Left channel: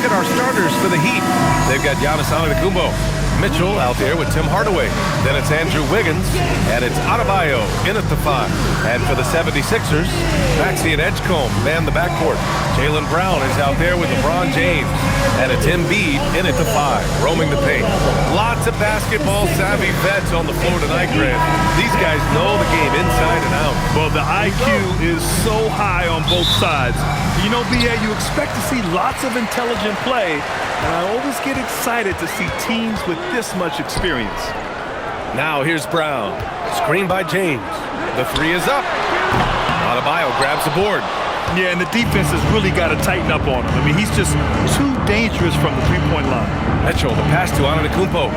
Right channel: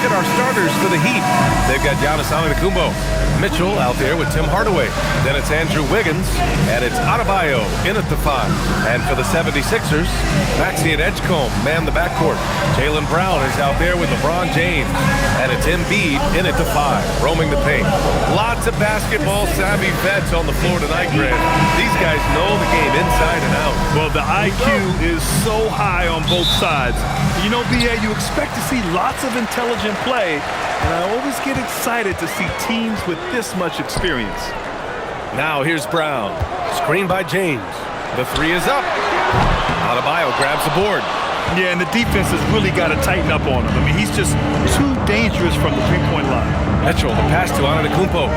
look at our starters for the Heat. They've got Giannis Antetokounmpo, Mitchell out there with Tim Hardaway. Then it's Andrew Wiggins, and it's Adebayo in at the 5. And for the 76ers, Maxey and Edgecombe man the backcourt. Jaylen Brown is out there with LeBron James. And it's Embiid in at the 5, roaming the paint. Lots of basketball-savvy vets on the floor tonight, Grant. These guys know the game inside and out. Well, the IQ is so high on both sides. You know, B.A., you expect to see lots of intelligent play, and I always get excited to see teams with this much experience. Now here's Brown. Screen by James. The 3 is up. Adebayo grabs the board. Yeah, and the defense has really got to tighten up on him. I mean, he's just too dangerous from the three-point line. Mitchell, the pass to Antetokounmpo.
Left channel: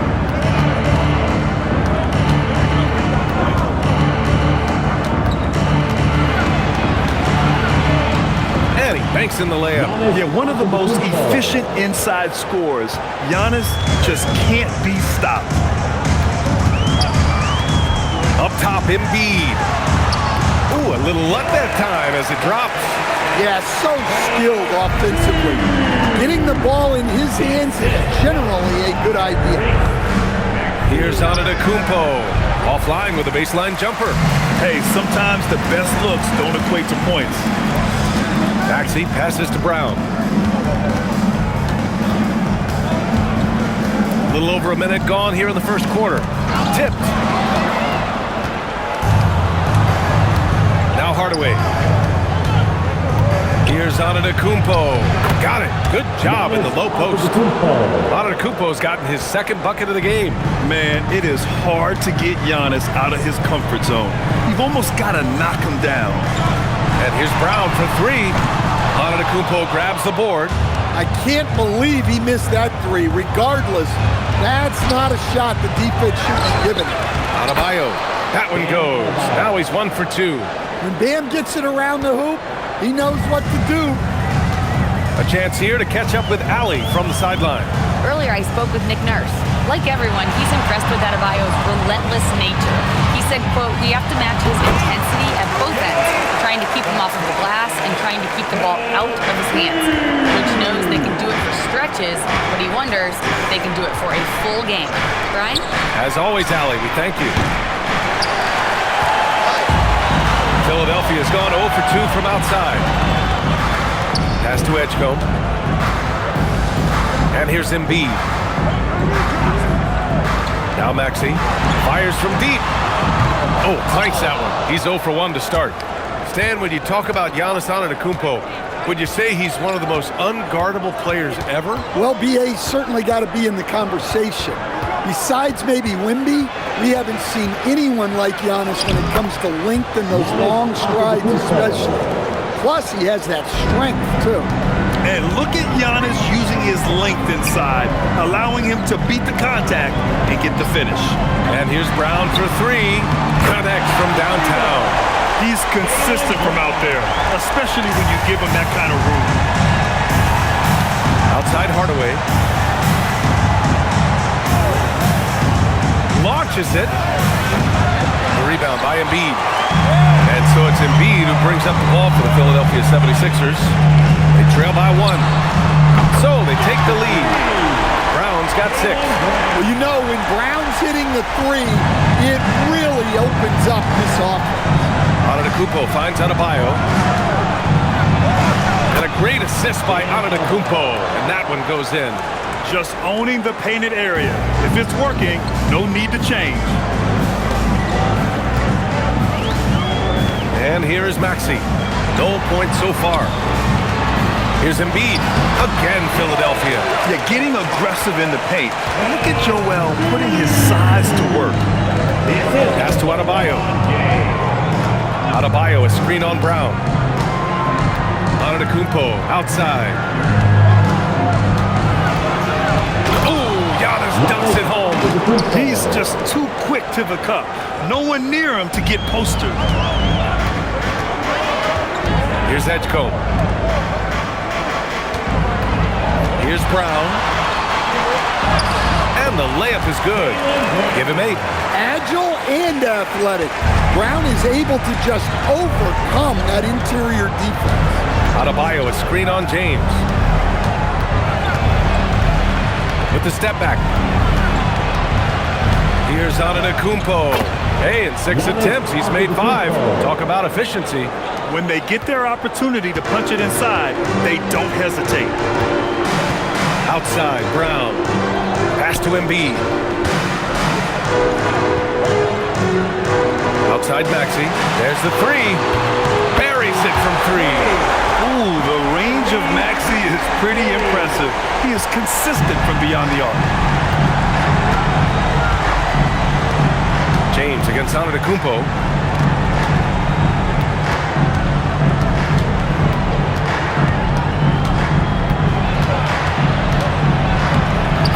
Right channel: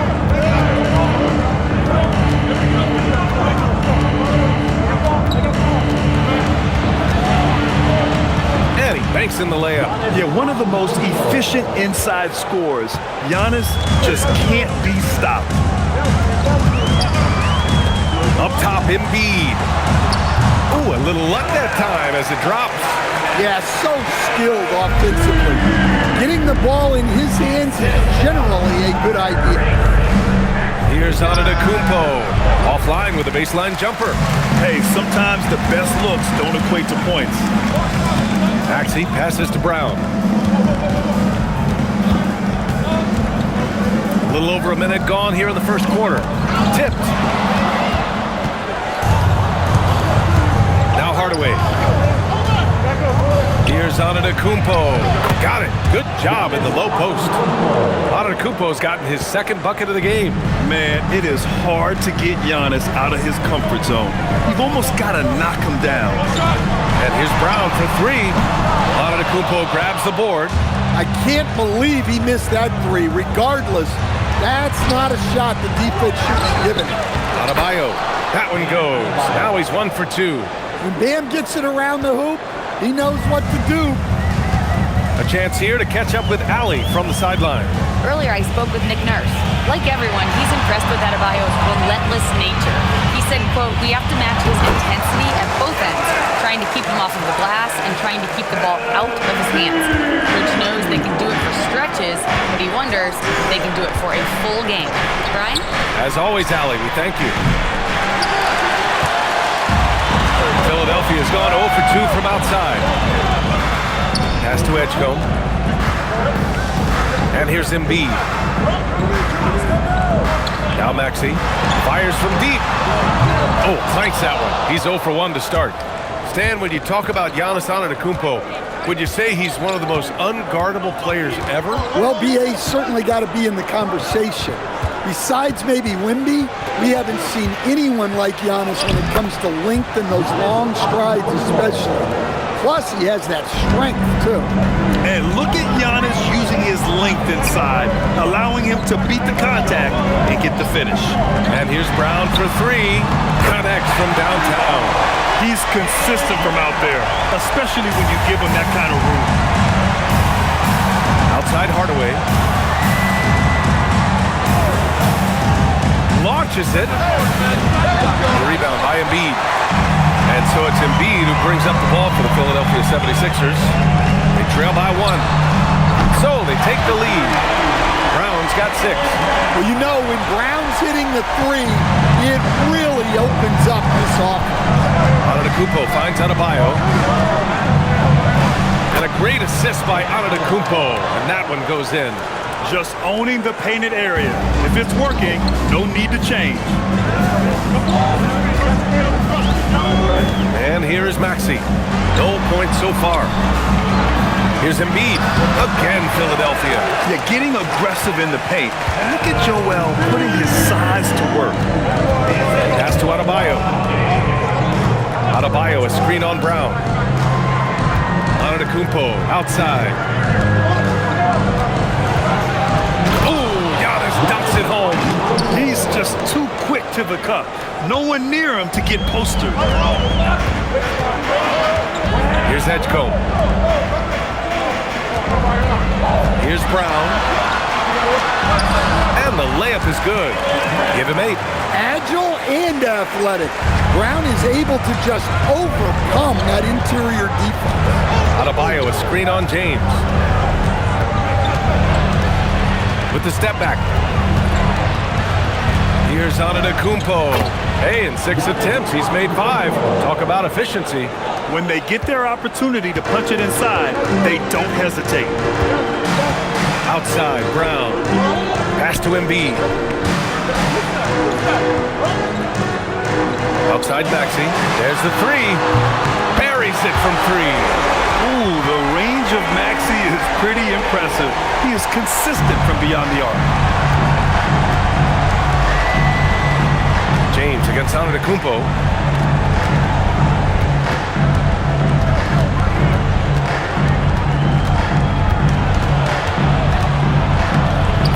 And he banks in the layup. Yeah, one of the most efficient inside scorers. Giannis just can't be stopped. Up top, Embiid. Ooh, a little luck that time as it drops. Yeah, so skilled offensively. Getting the ball in his hands is generally a good idea. Here's Antetokounmpo. Offline with a baseline jumper. Hey, sometimes the best looks don't equate to points. Maxey passes to Brown. A little over a minute gone here in the first quarter. Tipped. Now Hardaway. Here's Antetokounmpo. Got it. Good job in the low post. Antetokounmpo's gotten his second bucket of the game. Man, it is hard to get Giannis out of his comfort zone. You've almost got to knock him down. And here's Brown for 3. Antetokounmpo grabs the board. I can't believe he missed that 3. Regardless, that's not a shot the defense should be giving him. Adebayo. That one goes. Now he's 1 for 2. When Bam gets it around the hoop, he knows what to do. A chance here to catch up with Allie from the sideline. Earlier, I spoke with Nick Nurse. Like everyone, he's impressed with Adebayo's relentless nature. He said, quote, "We have to match his intensity at both ends, trying to keep him off of the glass and trying to keep the ball out of his hands." Coach knows they can do it for stretches, but he wonders if they can do it for a full game. Brian? As always, Allie, we thank you. Philadelphia's gone 0 for 2 from outside. Pass to Edgecombe. And here's Embiid. Now Maxey fires from deep. Oh, clanks that one. He's 0 for 1 to start. Stan, when you talk about Giannis Antetokounmpo, would you say he's one of the most unguardable players ever? Well, BA certainly got to be in the conversation. Besides maybe Wemby, we haven't seen anyone like Giannis when it comes to length and those long strides especially. Plus, he has that strength, too. And look at Giannis using his length inside, allowing him to beat the contact and get the finish. And here's Brown for 3. Connects from downtown. He's consistent from out there, especially when you give him that kind of room. Outside Hardaway. Launches it. The rebound by Embiid. And so it's Embiid who brings up the ball for the Philadelphia 76ers. They trail by 1. So they take the lead. Brown's got 6. Well, you know, when Brown's hitting the 3, it really opens up this offense. Antetokounmpo finds Adebayo. And a great assist by Antetokounmpo. And that one goes in. Just owning the painted area. If it's working, no need to change. And here is Maxey. No points so far. Here's Embiid. Again, Philadelphia. Yeah, getting aggressive in the paint. And look at Joel putting his size to work. Pass to Adebayo. Adebayo, a screen on Brown. Antetokounmpo outside. Giannis dunks it home. He's just too quick to the cup. No one near him to get postered. Here's Edgecombe. Here's Brown. And the layup is good. Give him 8. Agile and athletic. Brown is able to just overcome that interior defense. Adebayo, a screen on James. with the step back. Here's Antetokounmpo. Hey, in 6 attempts, he's made 5. Talk about efficiency. When they get their opportunity to punch it inside, they don't hesitate. Outside, Brown. Pass to Embiid. Outside, Maxey. There's the 3. Buries it from 3. Ooh, the range of Maxey is pretty impressive. He is consistent from beyond the arc. James against Antetokounmpo.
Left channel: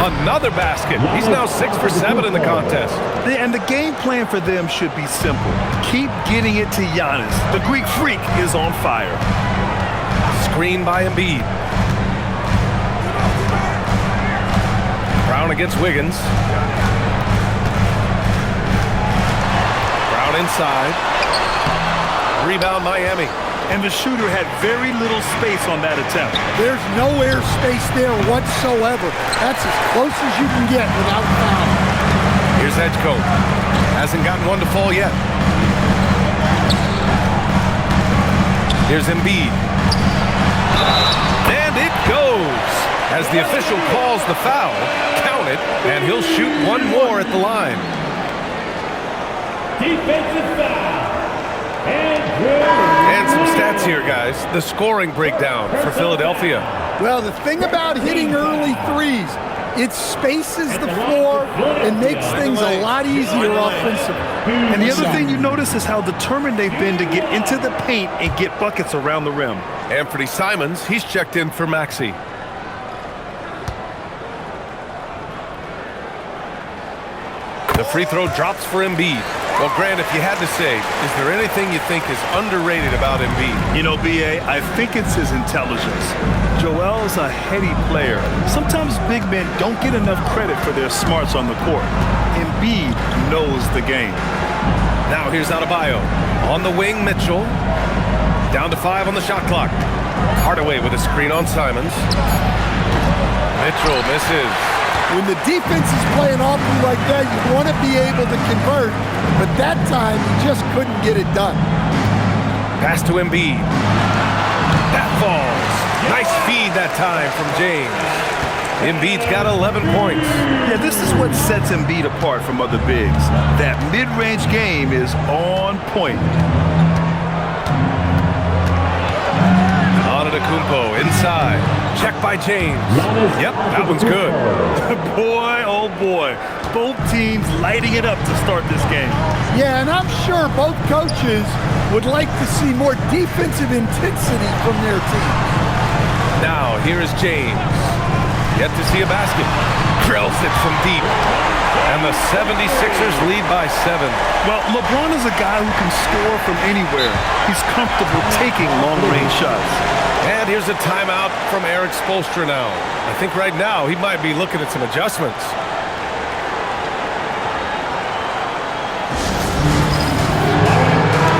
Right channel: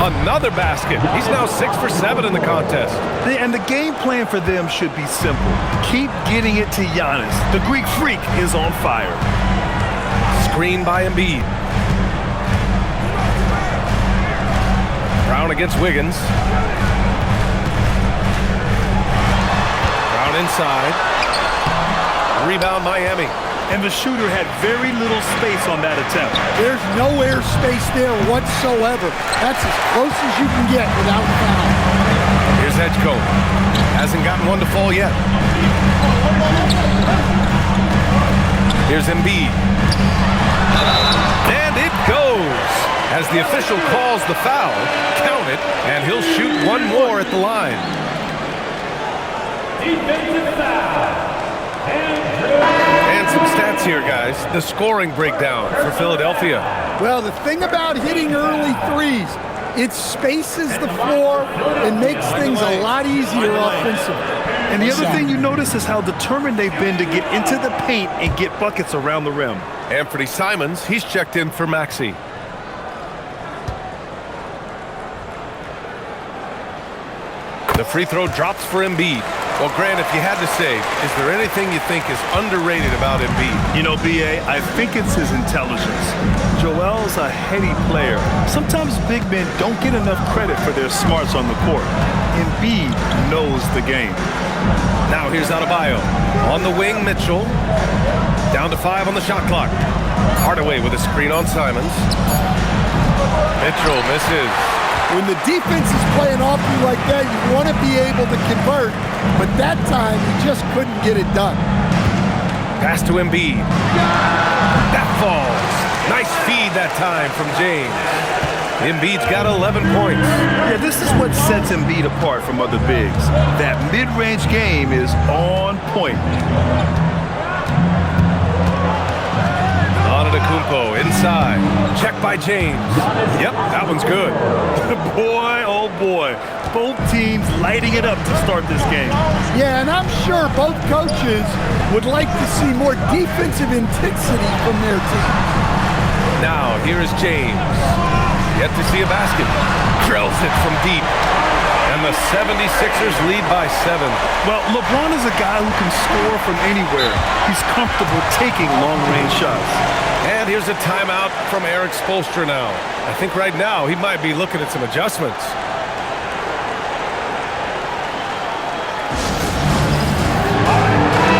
Another basket. He's now 6 for 7 in the contest. And the game plan for them should be simple. Keep getting it to Giannis. The Greek Freak is on fire. Screen by Embiid. Brown against Wiggins. Brown inside. Rebound Miami. And the shooter had very little space on that attempt. There's no air space there whatsoever. That's as close as you can get without foul. Here's Edgecombe. Hasn't gotten one to fall yet. Here's Embiid. And it goes. As the official calls the foul, count it, and he'll shoot one more at the line. Defensive foul. And some stats here, guys. The scoring breakdown for Philadelphia. Well, the thing about hitting early threes, it spaces the floor and makes things a lot easier offensively. And the other thing you notice is how determined they've been to get into the paint and get buckets around the rim. Anthony Simons, he's checked in for Maxey. The free throw drops for Embiid. Well, Grant, if you had to say, is there anything you think is underrated about Embiid? You know, B.A., I think it's his intelligence. Joel's a heady player. Sometimes big men don't get enough credit for their smarts on the court. Embiid knows the game. Now here's Adebayo. On the wing, Mitchell. Down to 5 on the shot clock. Hardaway with a screen on Simons. Mitchell misses. When the defense is playing off you like that, you want to be able to convert, but that time he just couldn't get it done. Pass to Embiid. That falls. Nice feed that time from James. Embiid's got 11 points. Yeah, this is what sets Embiid apart from other bigs. That mid-range game is on point. Antetokounmpo inside. Check by James. Yep, that one's good. Boy, oh boy. Both teams lighting it up to start this game. Yeah, and I'm sure both coaches would like to see more defensive intensity from their teams. Now, here is James. Yet to see a basket. Drills it from deep. And the 76ers lead by 7. Well, LeBron is a guy who can score from anywhere. He's comfortable taking long-range shots. And here's a timeout from Eric Spoelstra now. I think right now he might be looking at some adjustments.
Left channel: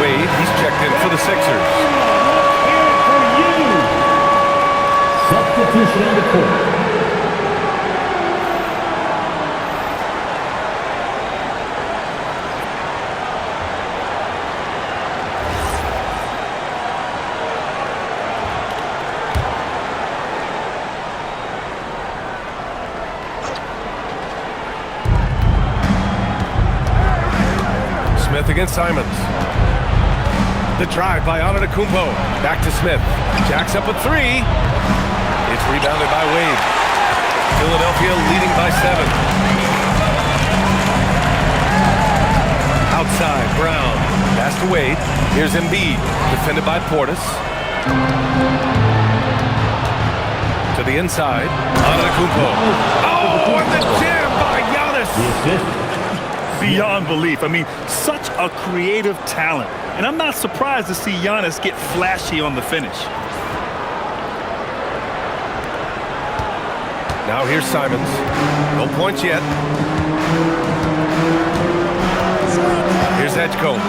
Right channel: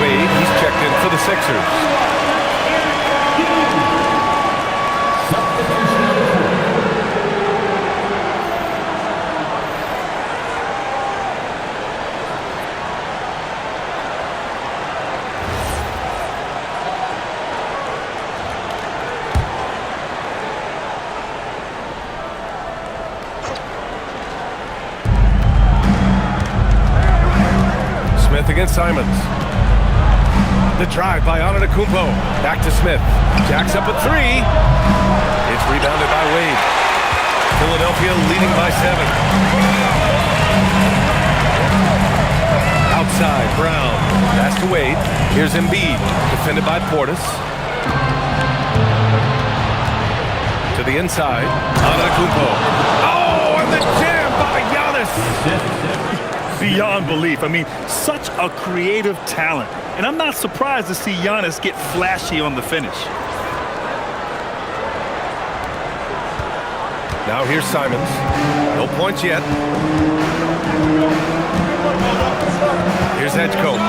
Wade, he's checked in for the Sixers. Substitution on the court. Smith against Simons. The drive by Antetokounmpo. Back to Smith. Jacks up a 3. It's rebounded by Wade. Philadelphia leading by 7. Outside, Brown. Pass to Wade. Here's Embiid. Defended by Portis. To the inside. Antetokounmpo. Oh, and the jam by Giannis. Beyond belief. I mean, such a creative talent. And I'm not surprised to see Giannis get flashy on the finish. Now here's Simons. No points yet. Here's Edgecombe.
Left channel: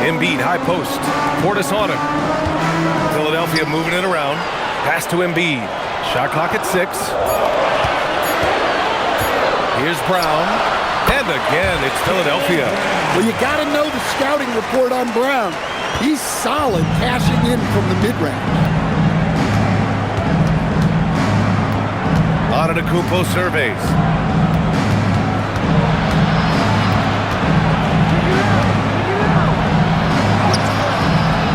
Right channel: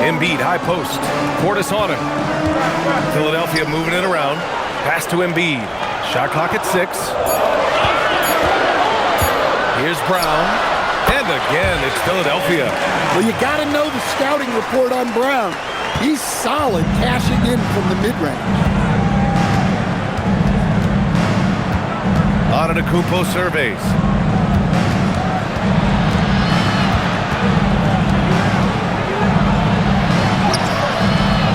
Embiid, high post. Portis on him. Philadelphia moving it around. Pass to Embiid. Shot clock at 6. Here's Brown. And again, it's Philadelphia. Well, you got to know the scouting report on Brown. He's solid cashing in from the mid-range. Antetokounmpo surveys.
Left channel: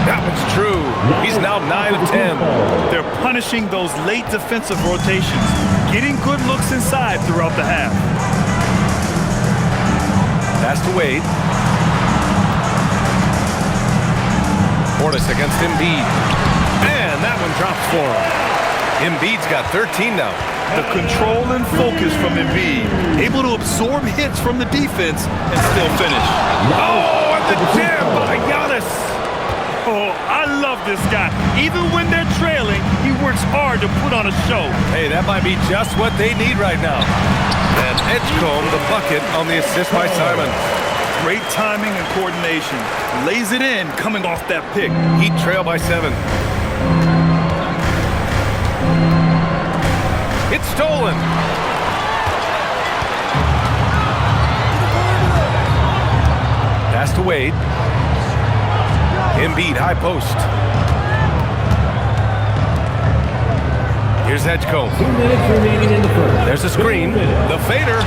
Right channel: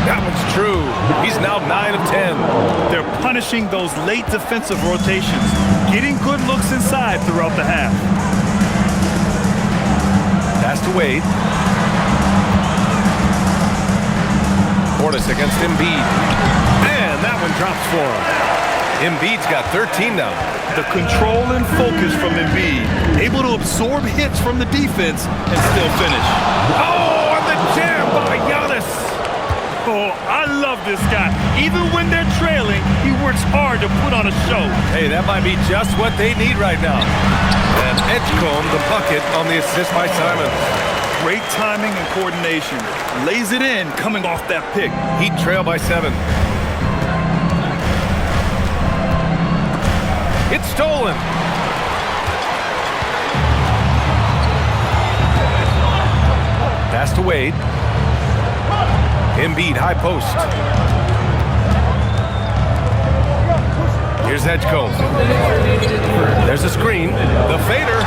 That one's true. He's now 9 of 10. They're punishing those late defensive rotations, getting good looks inside throughout the half. Pass to Wade. Portis against Embiid. And that one drops for him. Embiid's got 13 now. The control and focus from Embiid, able to absorb hits from the defense and still finish. Oh, and the jam by Giannis. Oh, I love this guy. Even when they're trailing, he works hard to put on a show. Hey, that might be just what they need right now. And Edgecombe, the bucket on the assist by Simons. Great timing and coordination. Lays it in coming off that pick. Heat trail by 7. It's stolen. Pass to Wade. Embiid, high post. Here's Edgecombe. There's a screen. The fader.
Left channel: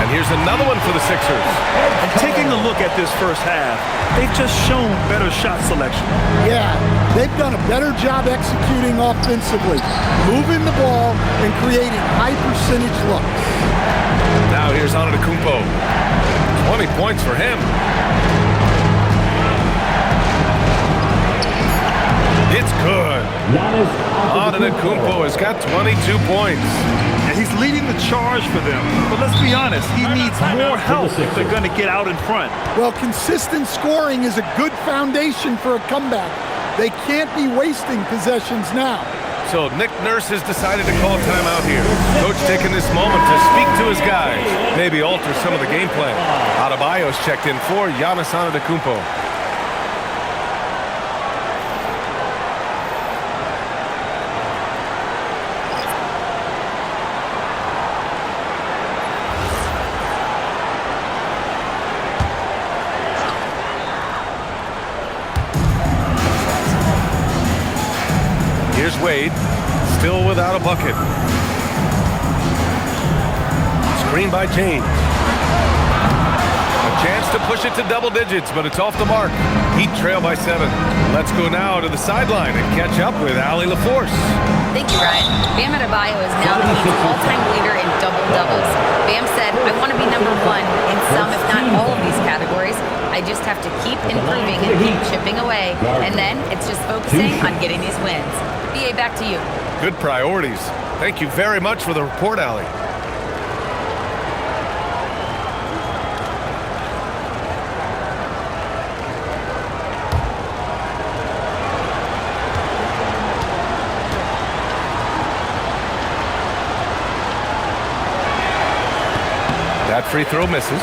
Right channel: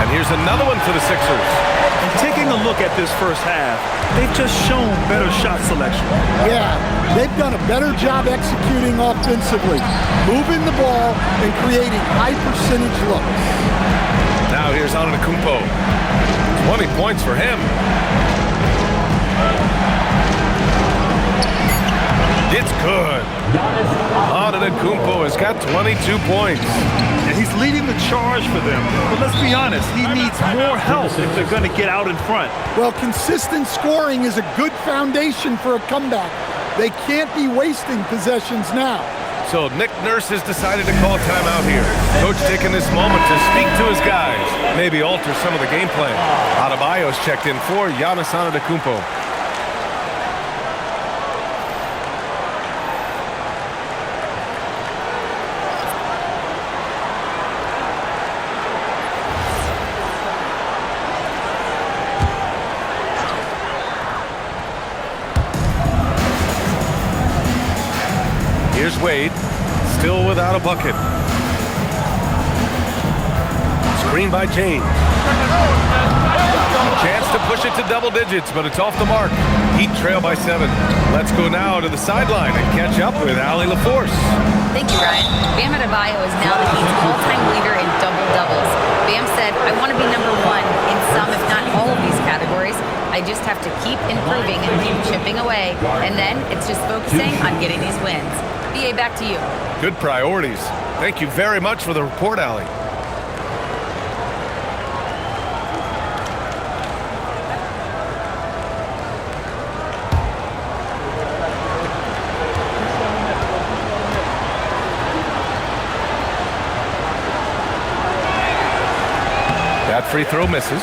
And here's another one for the Sixers. And taking a look at this first half, they've just shown better shot selection. Yeah, they've done a better job executing offensively, moving the ball and creating high percentage looks. Now here's Antetokounmpo. 20 points for him. It's good. Antetokounmpo has got 22 points. And he's leading the charge for them. But let's be honest, he needs more help if they're going to get out in front. Well, consistent scoring is a good foundation for a comeback. They can't be wasting possessions now. So Nick Nurse has decided to call timeout here. Coach taking this moment to speak to his guys, maybe alter some of the game plan. Adebayo's checked in for Giannis Antetokounmpo. Here's Wade, still without a bucket. Screen by James. A chance to push it to double digits, but it's off the mark. Heat trail by 7. Let's go now to the sideline and catch up with Allie LaForce. Thank you, Ryan. Bam Adebayo is now the Heat's all-time leader in double-doubles. Bam said, I want to be number 1 in some, if not all of these categories. I just have to keep improving and keep chipping away. And then it's just focusing on getting these wins. BA, back to you. Good priorities. Thank you very much for the report, Allie. That free throw misses.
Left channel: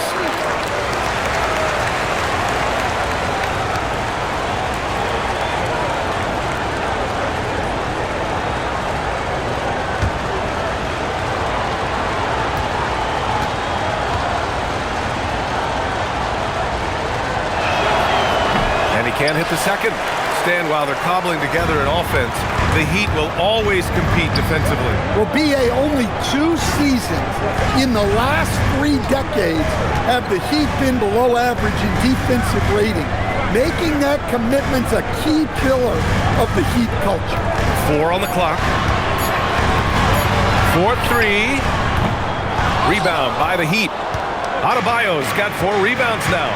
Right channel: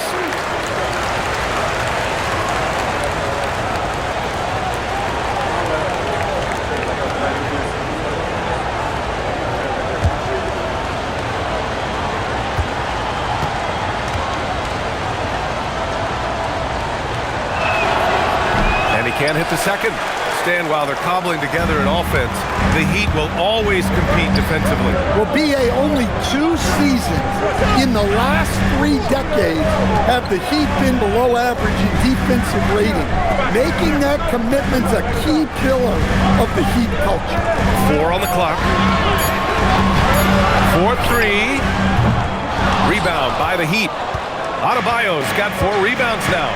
And he can't hit the second. Stan, while they're cobbling together an offense, the Heat will always compete defensively. Well, BA, only 2 seasons in the last 3 decades have the Heat been below average in defensive rating, making that commitment a key pillar of the Heat culture. 4 on the clock. 4-3. Rebound by the Heat. Adebayo's got 4 rebounds now.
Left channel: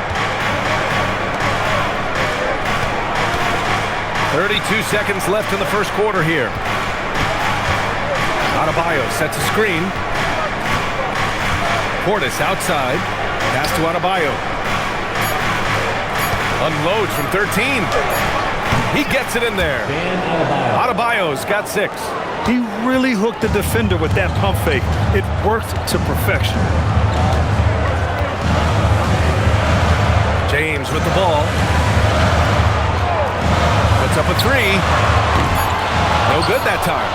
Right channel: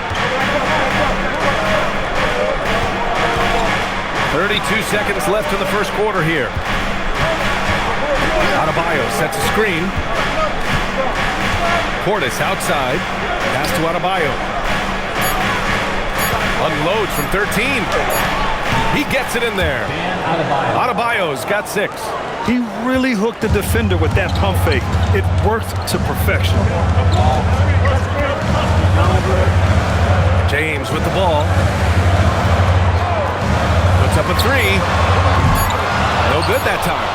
32 seconds left in the first quarter here. Adebayo sets a screen. Portis outside. Pass to Adebayo. Unloads from 13. He gets it in there. Adebayo's got 6. He really hooked the defender with that pump fake. It worked to perfection. James with the ball. Puts up a 3. No good that time.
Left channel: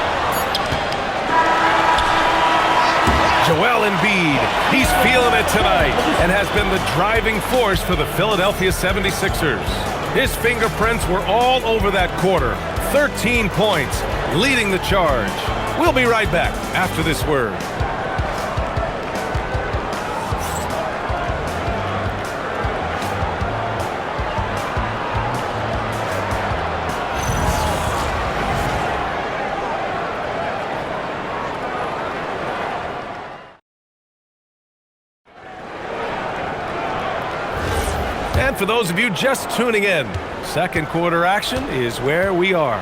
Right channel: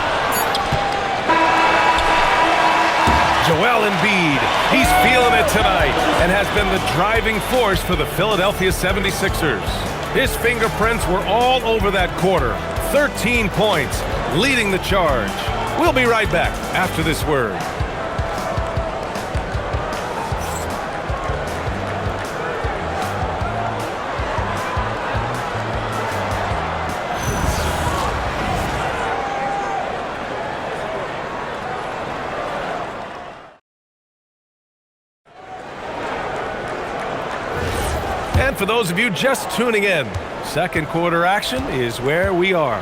Joel Embiid. He's feeling it tonight and has been the driving force for the Philadelphia 76ers. His fingerprints were all over that quarter. 13 points, leading the charge. We'll be right back after this word. And for those of you just tuning in, second quarter action is where we are.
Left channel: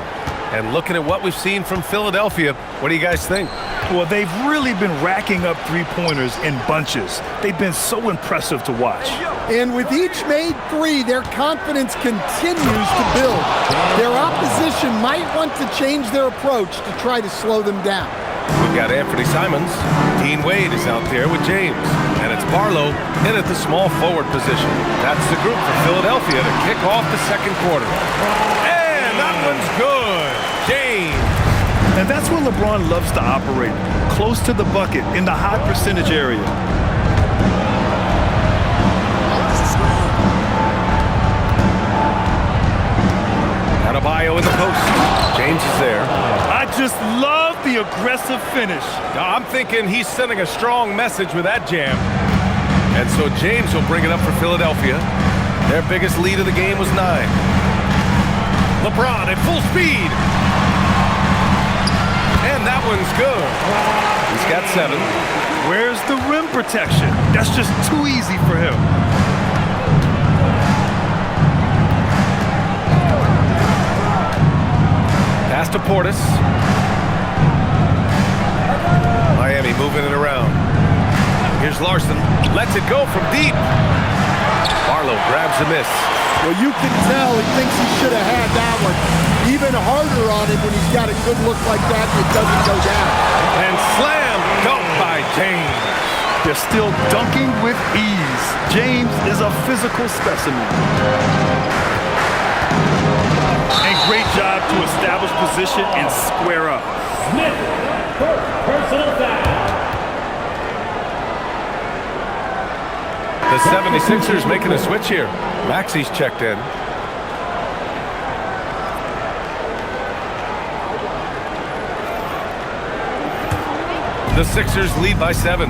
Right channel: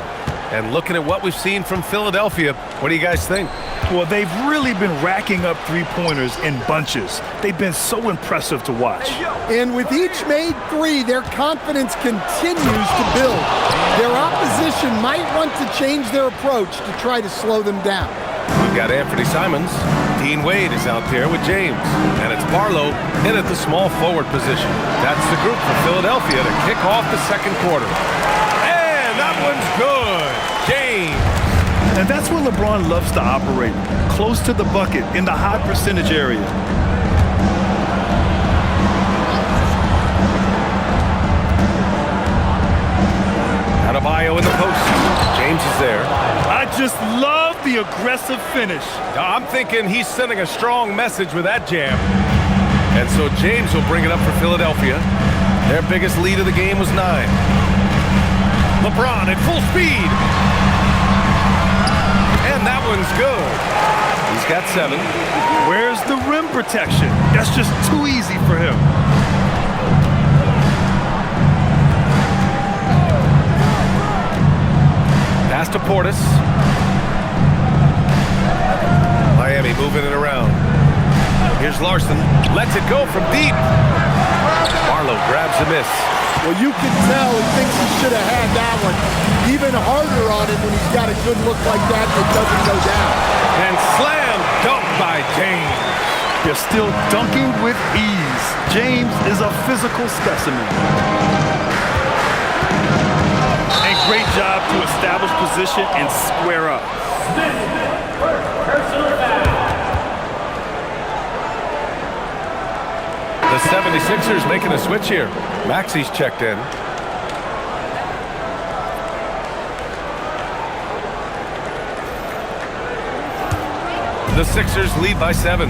And looking at what we've seen from Philadelphia, what do you guys think? Well, they've really been racking up three-pointers in bunches. They've been so impressive to watch. And with each made three, their confidence continues to build. Their opposition might want to change their approach to try to slow them down. We've got Anthony Simons. Dean Wade is out there with James. And it's Barlow in at the small forward position. That's the group for Philadelphia to kick off the second quarter. And that one's good. James. And that's where LeBron loves to operate, close to the bucket in the high percentage area. Adebayo in the post. James is there. I just love the aggressive finish. I'm thinking he's sending a strong message with that jam. And so James will bring it up for Philadelphia. Their biggest lead of the game was 9. LeBron at full speed. And that one's good. He's got 7. Where's the rim protection? That's just too easy for him. Pass to Portis. Miami moving it around. Here's Larson. Lets it go from deep. Barlow grabs a miss. Well, you can tell he thinks he should have had that one. Even harder on it when he's got a good look like that and it doesn't go down. And slam dunk by James. They're still dunking with ease. James is a physical specimen. And great job to establish position and square up. Smith, first personal foul. The 76ers making a switch here. Maxi's checked in. The Sixers lead by 7.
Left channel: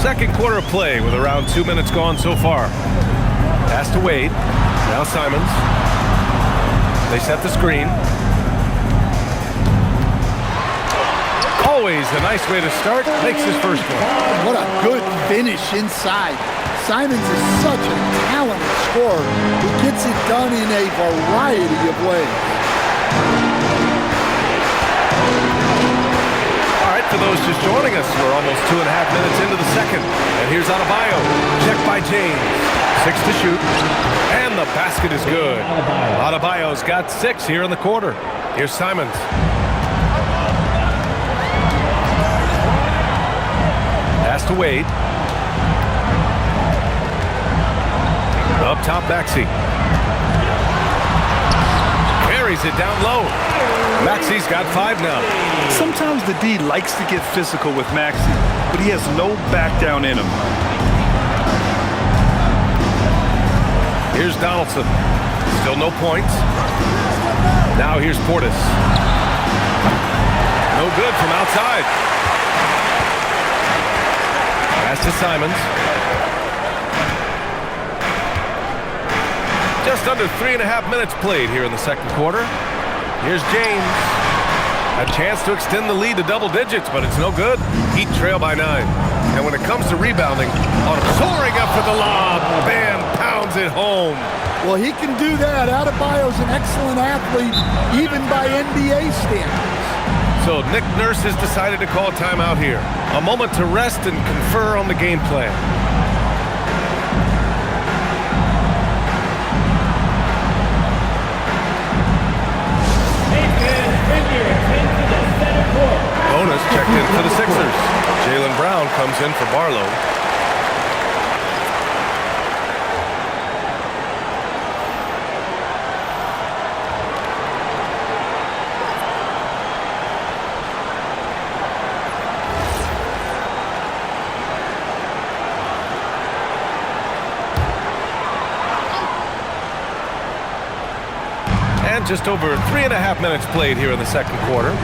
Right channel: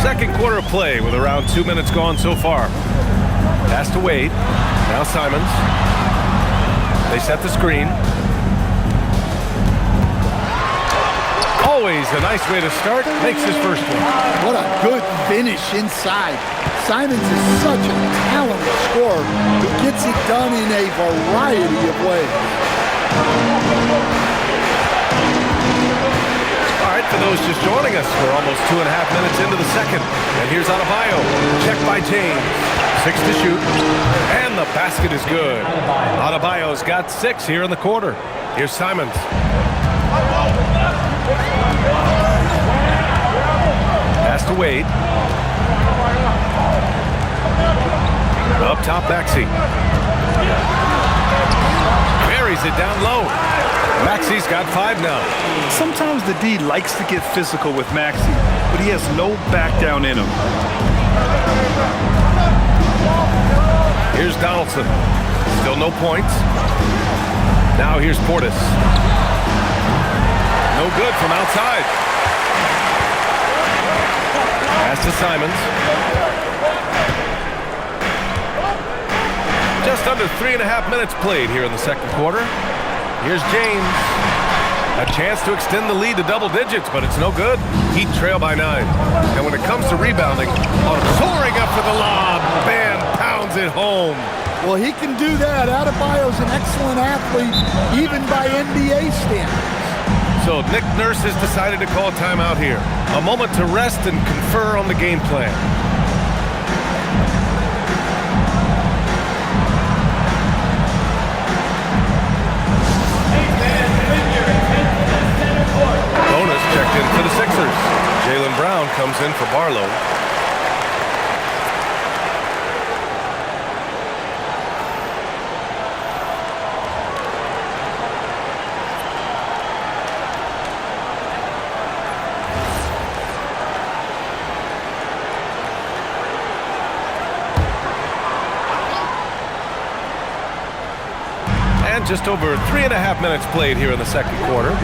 Second quarter of play with around 2 minutes gone so far. Pass to Wade. Now Simons. They set the screen. Always a nice way to start. Makes his first one. What a good finish inside. Simons is such a talented scorer who gets it done in a variety of ways. All right, for those just joining us, we're almost 2.5 minutes into the second. And here's Adebayo. Checked by James. 6 to shoot. And the basket is good. Adebayo's got 6 here in the quarter. Here's Simons. Pass to Wade. Up top, Maxey. Buries it down low. Maxey's got 5 now. Sometimes the D likes to get physical with Maxey, but he has no back down in him. Here's Donaldson. Still no points. Now here's Portis. No good from outside. Pass to Simons. Just under 3.5 minutes played here in the second quarter. Here's James. A chance to extend the lead to double digits, but it's no good. Heat trail by 9. And when it comes to rebounding, soaring up for the lob. Bam, pounds it home. Well, he can do that. Adebayo's an excellent athlete, even by NBA standards. So Nick Nurse has decided to call a timeout here. A moment to rest and confer on the game plan. Bonus checked in for the Sixers. Jaylen Brown comes in for Barlow. And just over 3.5 minutes played here in the second quarter.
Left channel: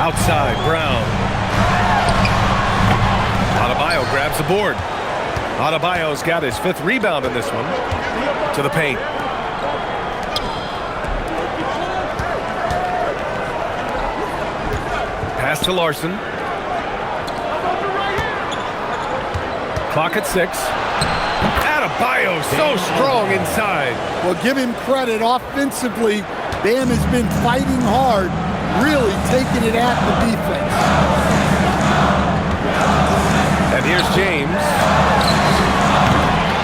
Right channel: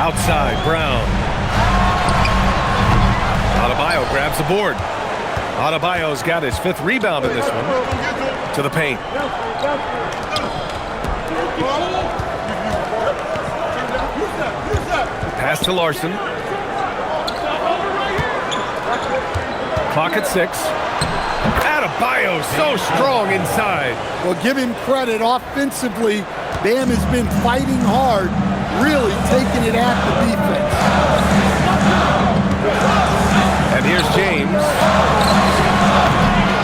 Outside, Brown. Adebayo grabs the board. Adebayo's got his 5th rebound in this one. To the paint. Pass to Larson. Clock at 6. Adebayo so strong inside. Well, give him credit. Offensively, Bam has been fighting hard, really taking it at the defense. And here's James.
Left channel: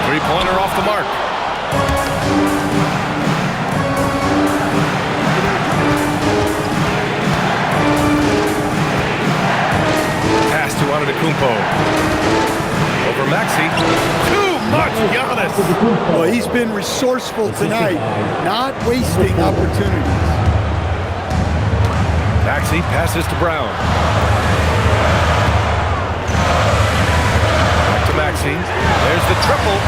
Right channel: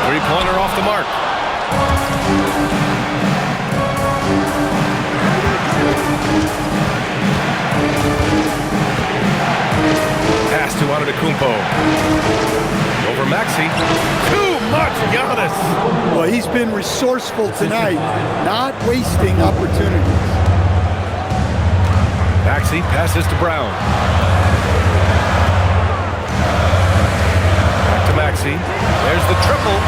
3-pointer off the mark. Pass to Antetokounmpo. Over Maxey. Too much, Giannis. Well, he's been resourceful tonight, not wasting opportunities. Maxey passes to Brown. Back to Maxey. There's the triple.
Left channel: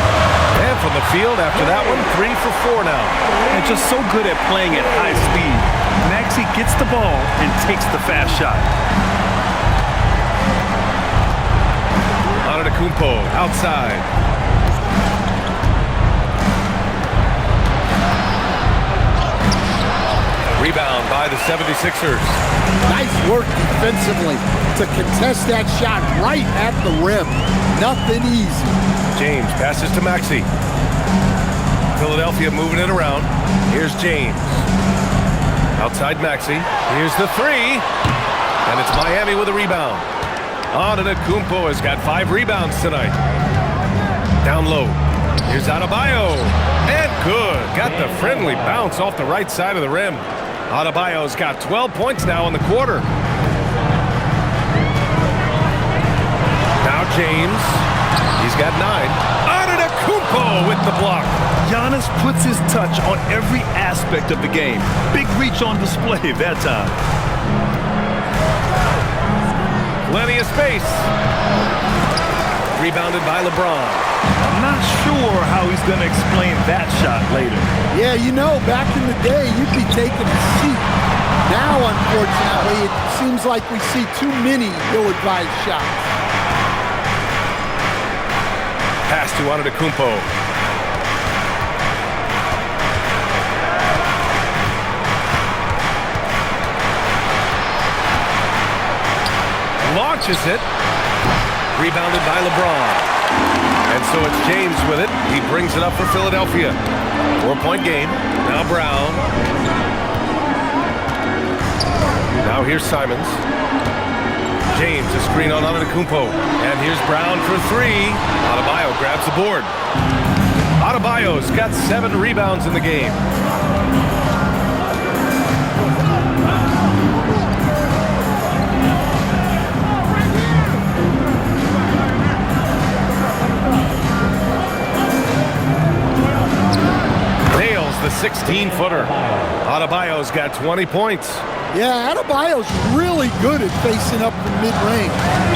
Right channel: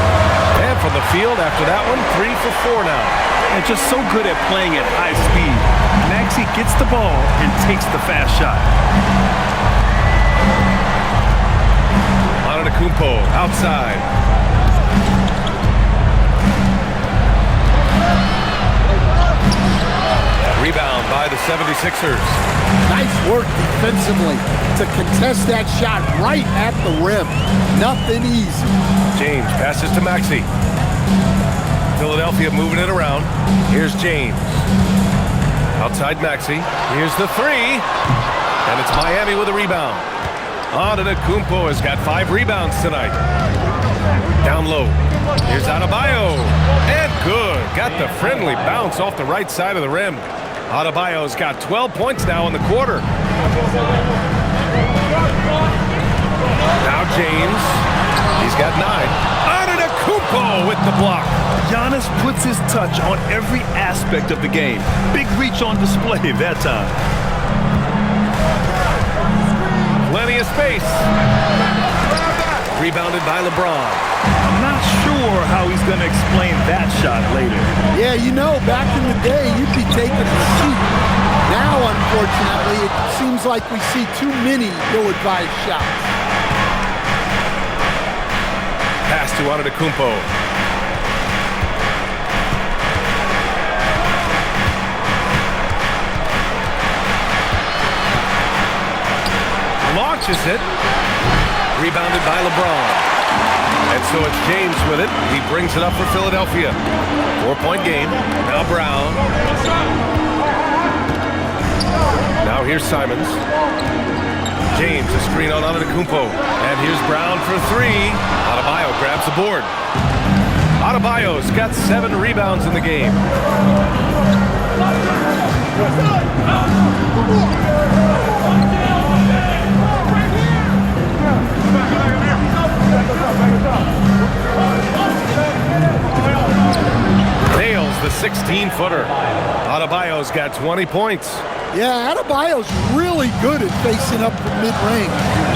And from the field after that one, 3 for 4 now. And just so good at playing at high speed. Maxey gets the ball and takes the fast shot. Antetokounmpo outside. Rebound by the 76ers. Nice work defensively to contest that shot right at the rim. Nothing easy. James passes to Maxey. Philadelphia moving it around. Here's James. Outside Maxey. Here's the 3. And it's Miami with a rebound. Antetokounmpo has got 5 rebounds tonight. Down low. Here's Adebayo. And good. Got the friendly bounce off the right side of the rim. Adebayo's got 12 points now in the quarter. Now James. He's got 9. Antetokounmpo with the block. Giannis puts his touch on every aspect of the game. Big reach on display that time. Plenty of space. Rebounded by LeBron. I'm not sure how he's going to explain that shot later. Yeah, you know, back in the day, you'd be taking a seat. Now, unfortunately, it seems like we see too many ill-advised shots. Pass to Antetokounmpo. Launches it. Rebounded by LeBron. And so it's James with it. He brings it up for Philadelphia. 4-point game. Now Brown. Now here's Simons. James, a screen on Antetokounmpo. And here's Brown for 3. Adebayo grabs the board. Adebayo's got 7 rebounds in the game. Nails the 16-footer. Adebayo's got 20 points. Yeah, Adebayo's really good at facing up from mid-range.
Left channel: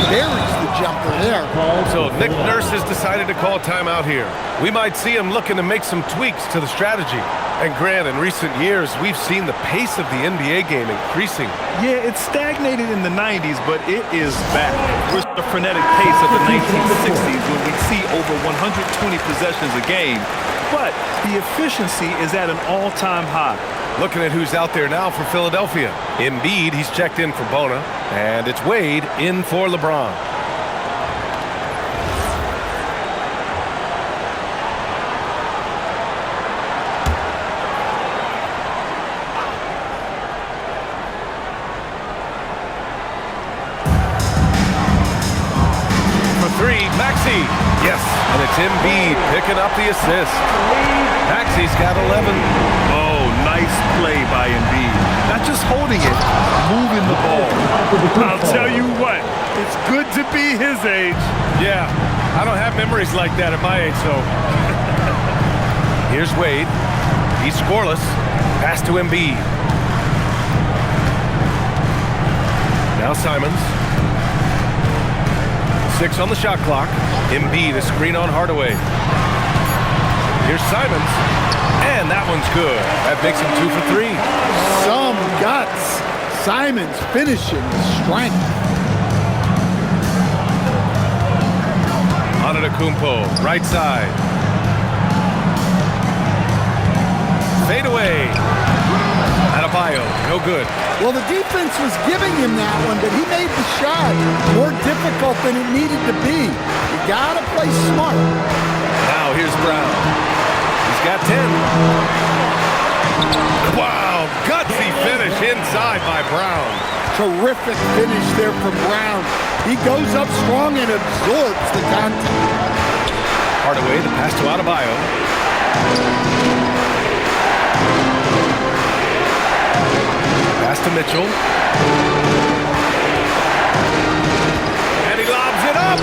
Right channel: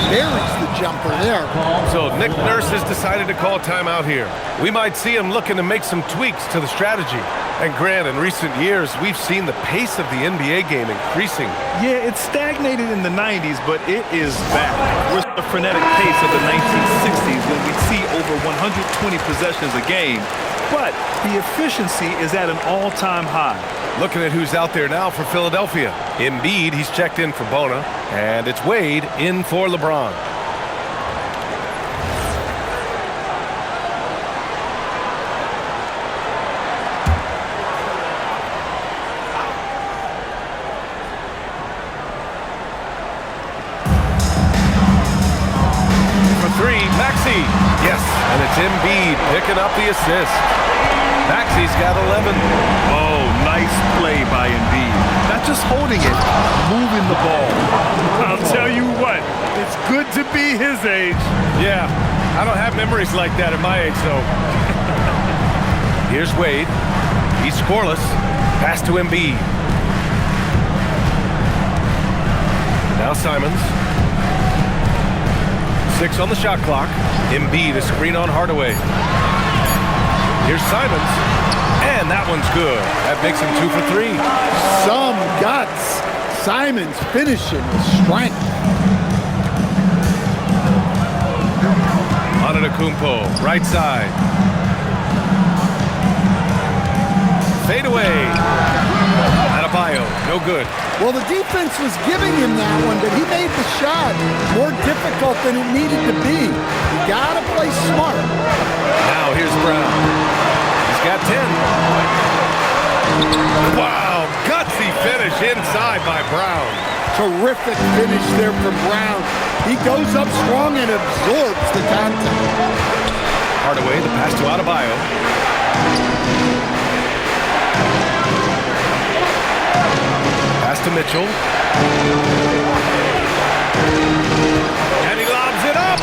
Buries the jumper there. So Nick Nurse has decided to call timeout here. We might see him looking to make some tweaks to the strategy. And Grant, in recent years, we've seen the pace of the NBA game increasing. Yeah, it stagnated in the 90s, but it is back. We're the frenetic pace of the 1960s when we'd see over 120 possessions a game. But the efficiency is at an all-time high. Looking at who's out there now for Philadelphia. Embiid, he's checked in for Bona. And it's Wade in for LeBron. For 3, Maxey. Yes, and it's Embiid picking up the assist. Maxey's got 11. Oh, nice play by Embiid. Not just holding it, moving the ball. I'll tell you what, it's good to be his age. Yeah, I don't have memories like that at my age, so. Here's Wade. He's scoreless. Pass to Embiid. Now Simons. 6 on the shot clock. Embiid, a screen on Hardaway. Here's Simons. And that one's good. That makes him 2 for 3. Some guts. Simons finishing with strength. Antetokounmpo, right side. Fade away. Adebayo, no good. Well, the defense was giving him that one, but he made the shot more difficult than it needed to be. You gotta play smart. Now here's Brown. He's got 10. Wow, gutsy finish inside by Brown. Terrific finish there from Brown. He goes up strong and absorbs the contact. Hardaway, the pass to Adebayo. Pass to Mitchell. And he lobs it up.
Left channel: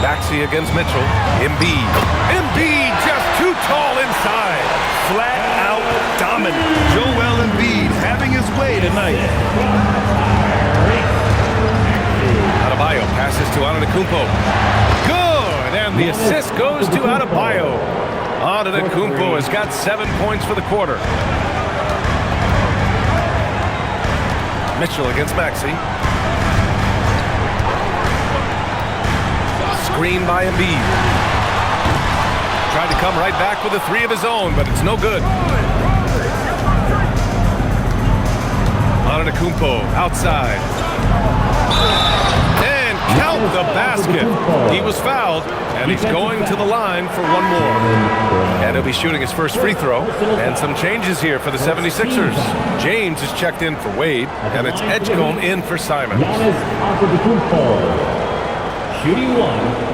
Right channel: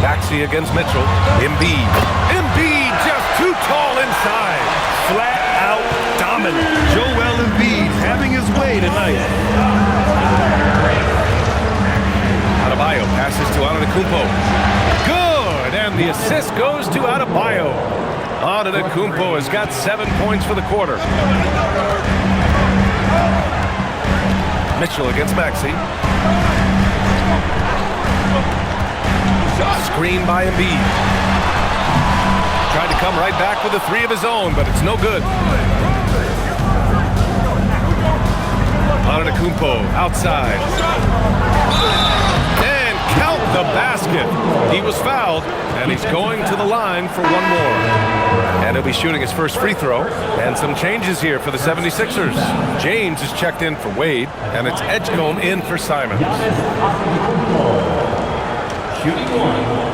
Maxey against Mitchell. Embiid. Embiid just too tall inside. Flat out dominant. Joel Embiid having his way tonight. Adebayo passes to Antetokounmpo. Good, and the assist goes to Adebayo. Antetokounmpo has got 7 points for the quarter. Mitchell against Maxey. Screen by Embiid. Tried to come right back with a 3 of his own, but it's no good. Antetokounmpo outside. And count the basket. He was fouled, and he's going to the line for one more. And he'll be shooting his first free throw. And some changes here for the 76ers. James is checked in for Wade, and it's Edgecombe in for Simons. Giannis Antetokounmpo, shooting 1.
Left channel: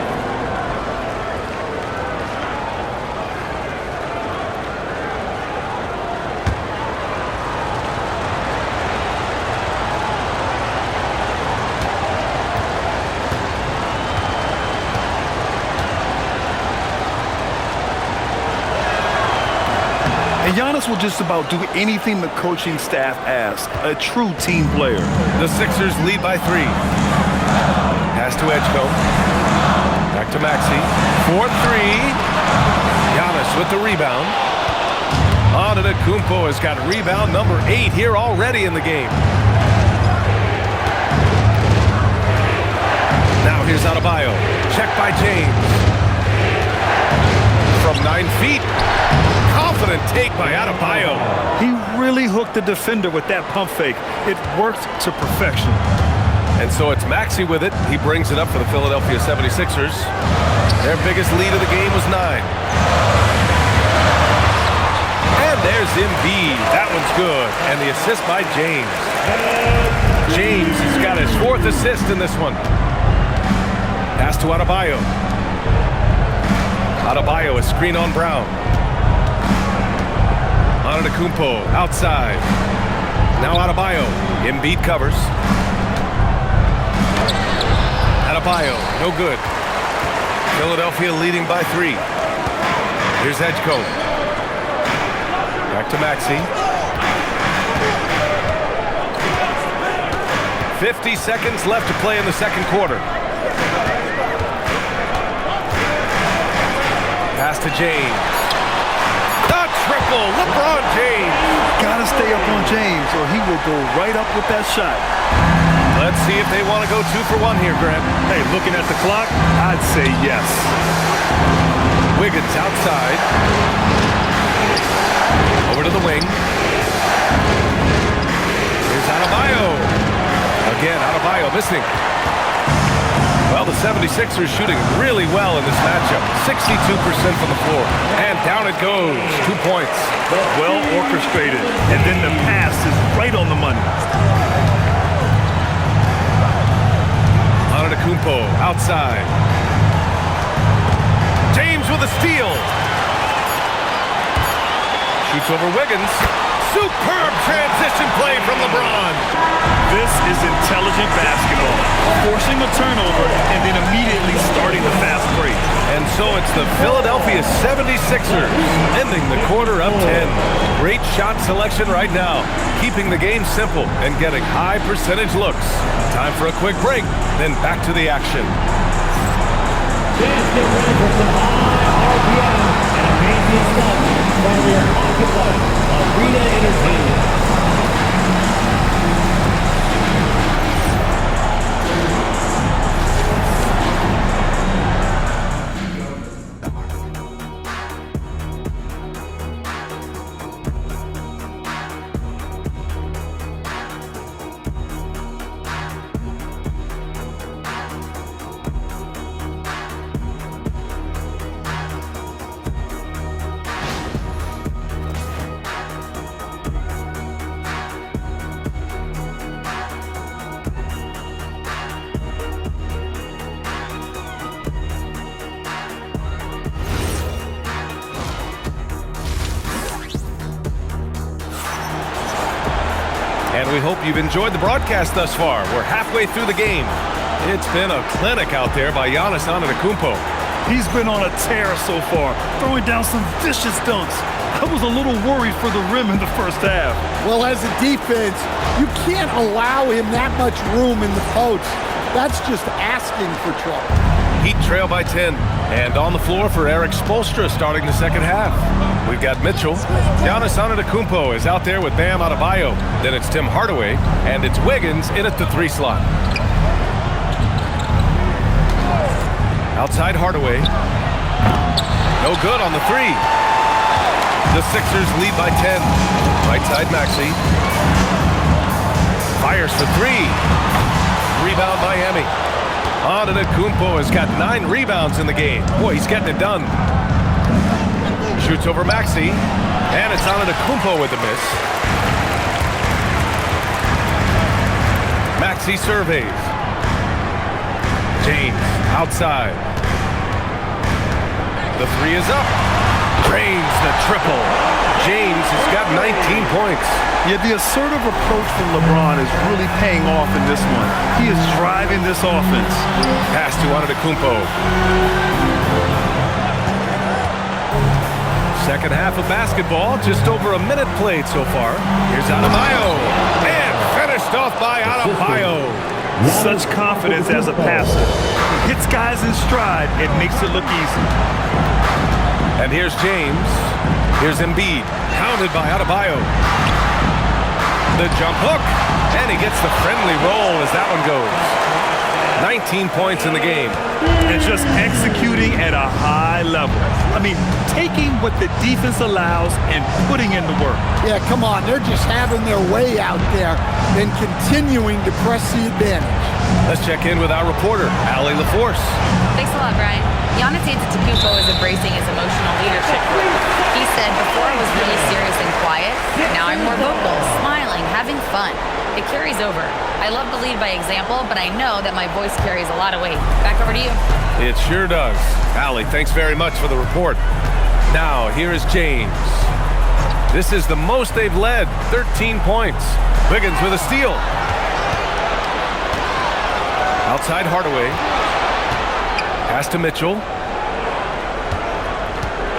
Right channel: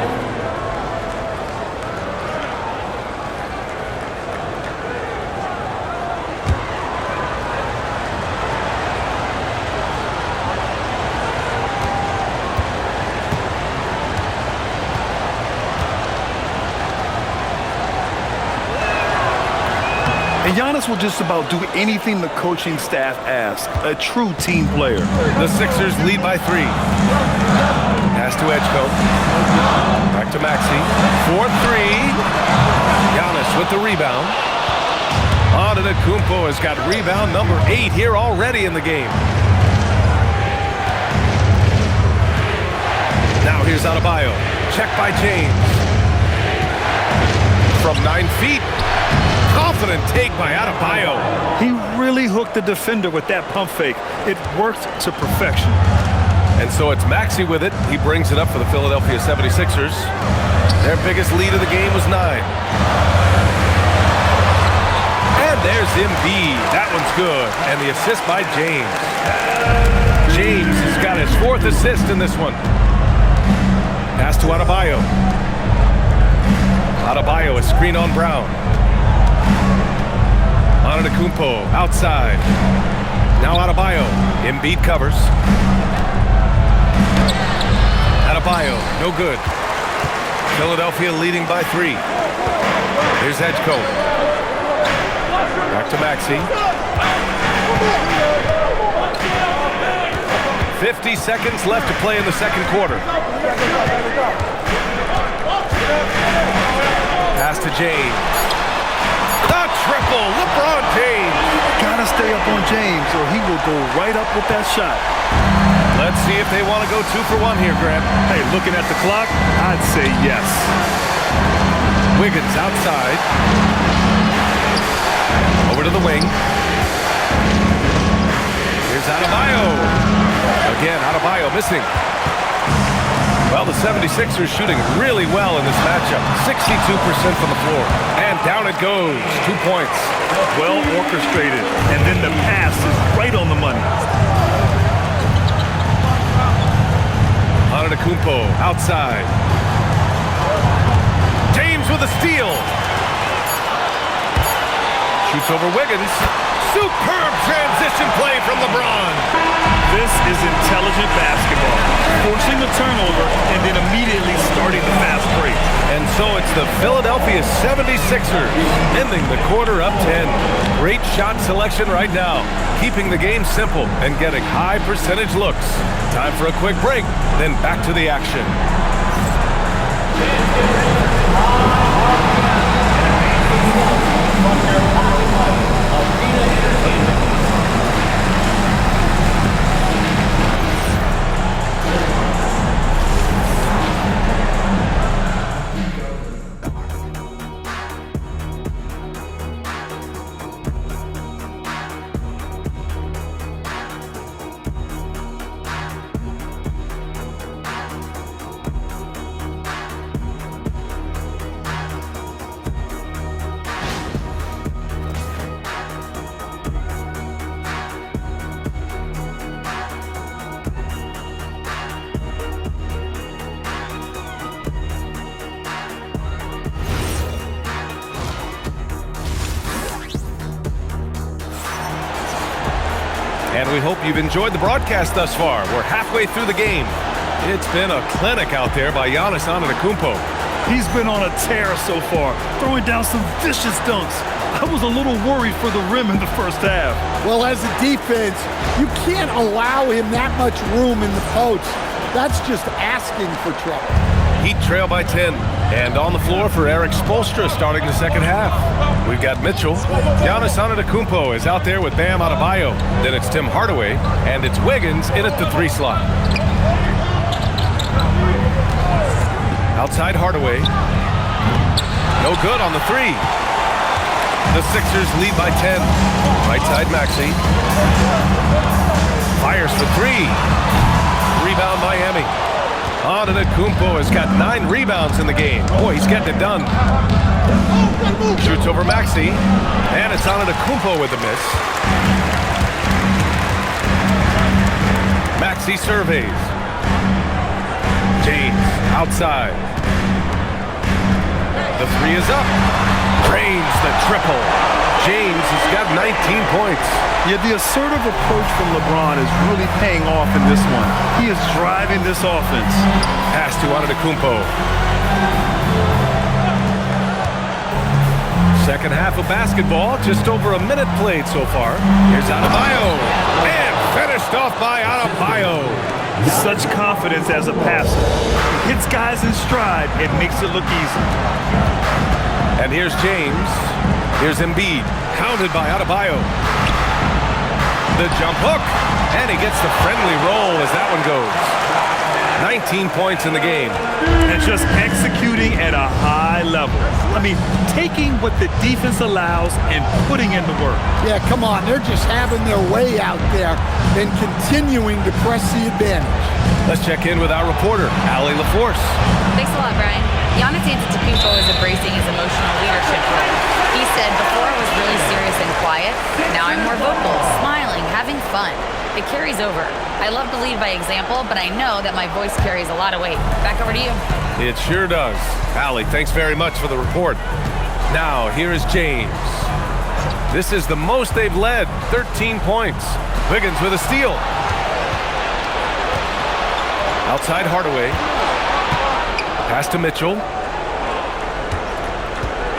And Giannis will just about do anything the coaching staff asks. A true team player. The Sixers lead by 3. Pass to Edgecombe. Back to Maxey. 4-3. Giannis with the rebound. Antetokounmpo has got rebound number 8 here already in the game. Now here's Adebayo. Check by James. From 9 feet. Confident take by Adebayo. He really hooked the defender with that pump fake. It worked to perfection. And so it's Maxey with it. He brings it up for the Philadelphia 76ers. Their biggest lead of the game was 9. And there's Embiid. That one's good. And the assist by James. James has got his 4th assist in this one. Pass to Adebayo. Adebayo, a screen on Brown. Antetokounmpo outside. Now Adebayo. Embiid covers. Adebayo, no good. Philadelphia leading by 3. Here's Edgecombe. Back to Maxey. 50 seconds left to play in the second quarter. Pass to James. The triple, LeBron James. Gotta stay up on James or he will go right up with that shot. Let's see if they want to go 2 for 1 here, Grant. Hey, looking at the clock, I'd say yes. Wiggins outside. Over to the wing. Here's Adebayo. Again, Adebayo missing. Well, the 76ers shooting really well in this matchup. 62% from the floor. And down it goes. 2 points. Well orchestrated. And then the pass is right on the money. Antetokounmpo outside. James with a steal. Shoots over Wiggins. Superb transition play from LeBron. This is intelligent basketball. Forcing a turnover and then immediately starting the fast break. And so it's the Philadelphia 76ers ending the quarter up 10. Great shot selection right now, keeping the game simple and getting high percentage looks. Time for a quick break, then back to the action. will occupy Arena Entertainment. And we hope you've enjoyed the broadcast thus far. We're halfway through the game. It's been a clinic out there by Giannis Antetokounmpo. He's been on a tear so far, throwing down some vicious dunks. I was a little worried for the rim in the first half. Well, as a defense, you can't allow him that much room in the post. That's just asking for trouble. Heat trail by 10. And on the floor for Eric Spoelstra starting the second half. We've got Mitchell. Giannis Antetokounmpo is out there with Bam Adebayo. Then it's Tim Hardaway. And it's Wiggins in at the 3 slot. Outside Hardaway. No good on the 3. The Sixers lead by 10. Right side Maxey. Fires for 3. Rebound Miami. Antetokounmpo has got 9 rebounds in the game. Boy, he's getting it done. Shoots over Maxey. And it's Antetokounmpo with the miss. Maxey surveys. James outside. The 3 is up. Drains the triple. James has got 19 points. Yeah, the assertive approach from LeBron is really paying off in this one. He is driving this offense. Pass to Antetokounmpo. Second half of basketball, just over a minute played so far. Here's Adebayo. And finished off by Adebayo. Such confidence as a passer. He hits guys in stride and makes it look easy. And here's James. Here's Embiid, hounded by Adebayo. The jump hook, and he gets the friendly roll as that one goes. 19 points in the game. And just executing at a high level. I mean, taking what the defense allows and putting in the work. Yeah, come on. They're just having their way out there and continuing to press the advantage. Let's check in with our reporter, Allie LaForce. Thanks a lot, Brian. Giannis Antetokounmpo is embracing his emotional leadership role. He said, before I was really serious and quiet, now I'm more vocal, smiling, having fun. It carries over. I love to lead by example, but I know that my voice carries a lot of weight. Back over to you. It sure does. Allie, thanks very much for the report. Now, here is James. This is the most they've led, 13 points. Wiggins with a steal. Outside Hardaway. Pass to Mitchell.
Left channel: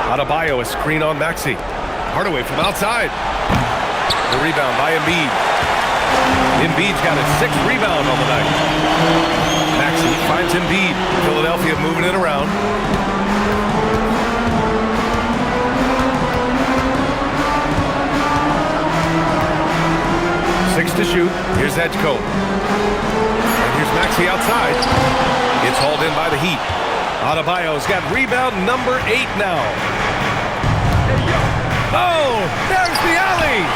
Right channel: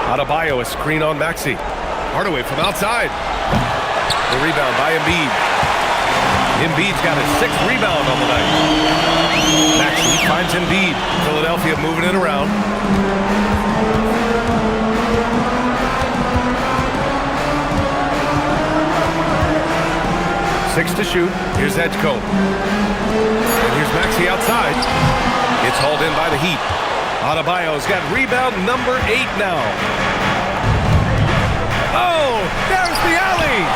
Adebayo, a screen on Maxey. Hardaway from outside. The rebound by Embiid. Embiid's got his 6th rebound on the night. Maxey finds Embiid. Philadelphia moving it around. Six to shoot. Here's Edgecombe. And here's Maxey outside. It's hauled in by the Heat. Adebayo's got rebound number 8 now. Oh, there's the alley.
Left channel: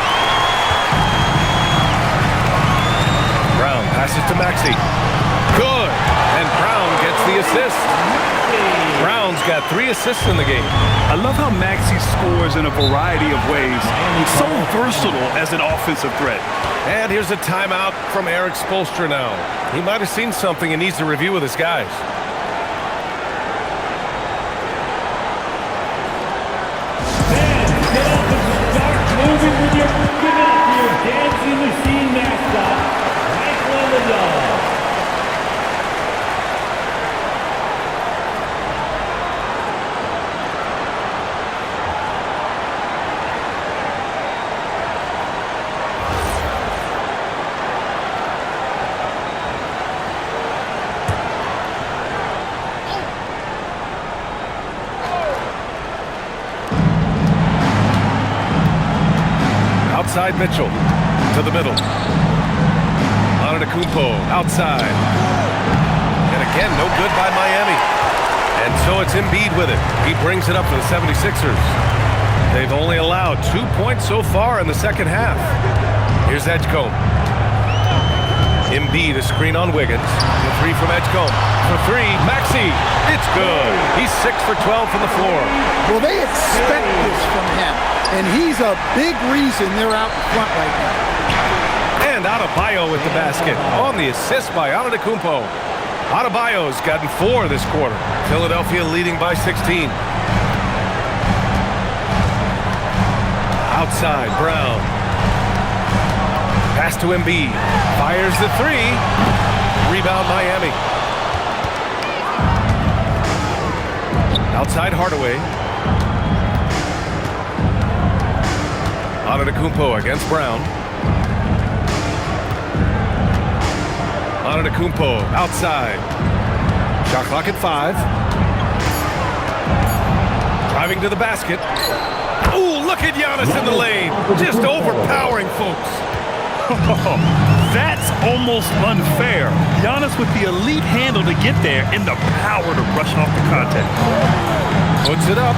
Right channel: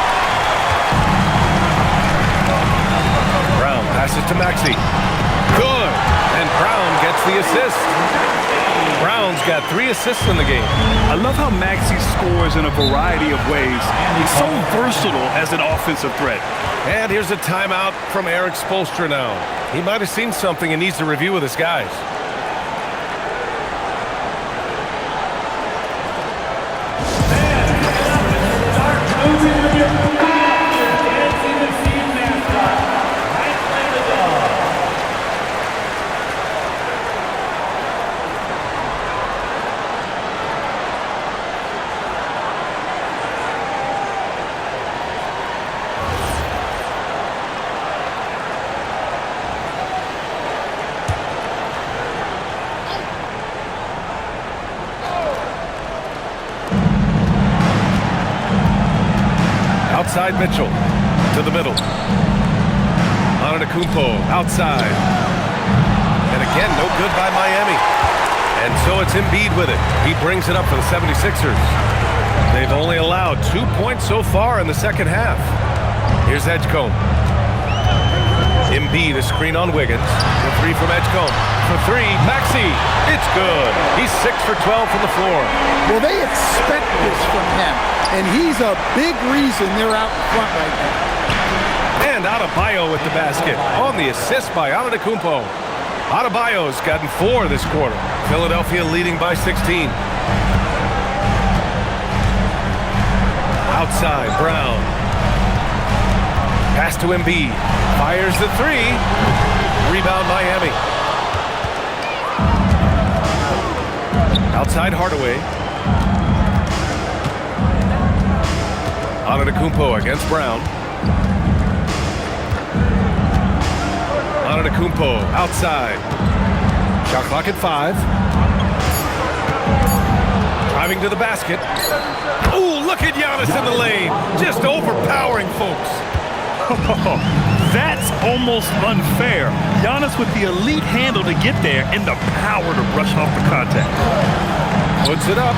Brown passes to Maxey. Good. And Brown gets the assist. Brown's got 3 assists in the game. I love how Maxey scores in a variety of ways. He's so versatile as an offensive threat. And here's a timeout from Eric Spoelstra now. He might have seen something and needs to review with his guys. Moving with your dancing machine mascot, Michael the dog. Outside Mitchell. To the middle. Antetokounmpo outside. And again, no good by Miami. And so it's Embiid with it. He brings it up for the 76ers. They've only allowed 2 points so far in the second half. Here's Edgecombe. Embiid, a screen on Wiggins. The three from Edgecombe. For three, Maxey. It's good. He's 6 for 12 from the floor. Well, they expect this from him, and he's a big reason they're out in front right now. And Adebayo with the basket on the assist by Antetokounmpo. Adebayo's gotten 4 this quarter. Philadelphia leading by 16. Outside, Brown. Pass to Embiid. Fires the three. Rebound Miami. Outside Hardaway. Antetokounmpo against Brown. Antetokounmpo outside. Shot clock at 5. Driving to the basket. Ooh, look at Giannis in the lane. Just overpowering folks. That's almost unfair. Giannis with the elite handle to get there and the power to brush off the contact. Puts it up.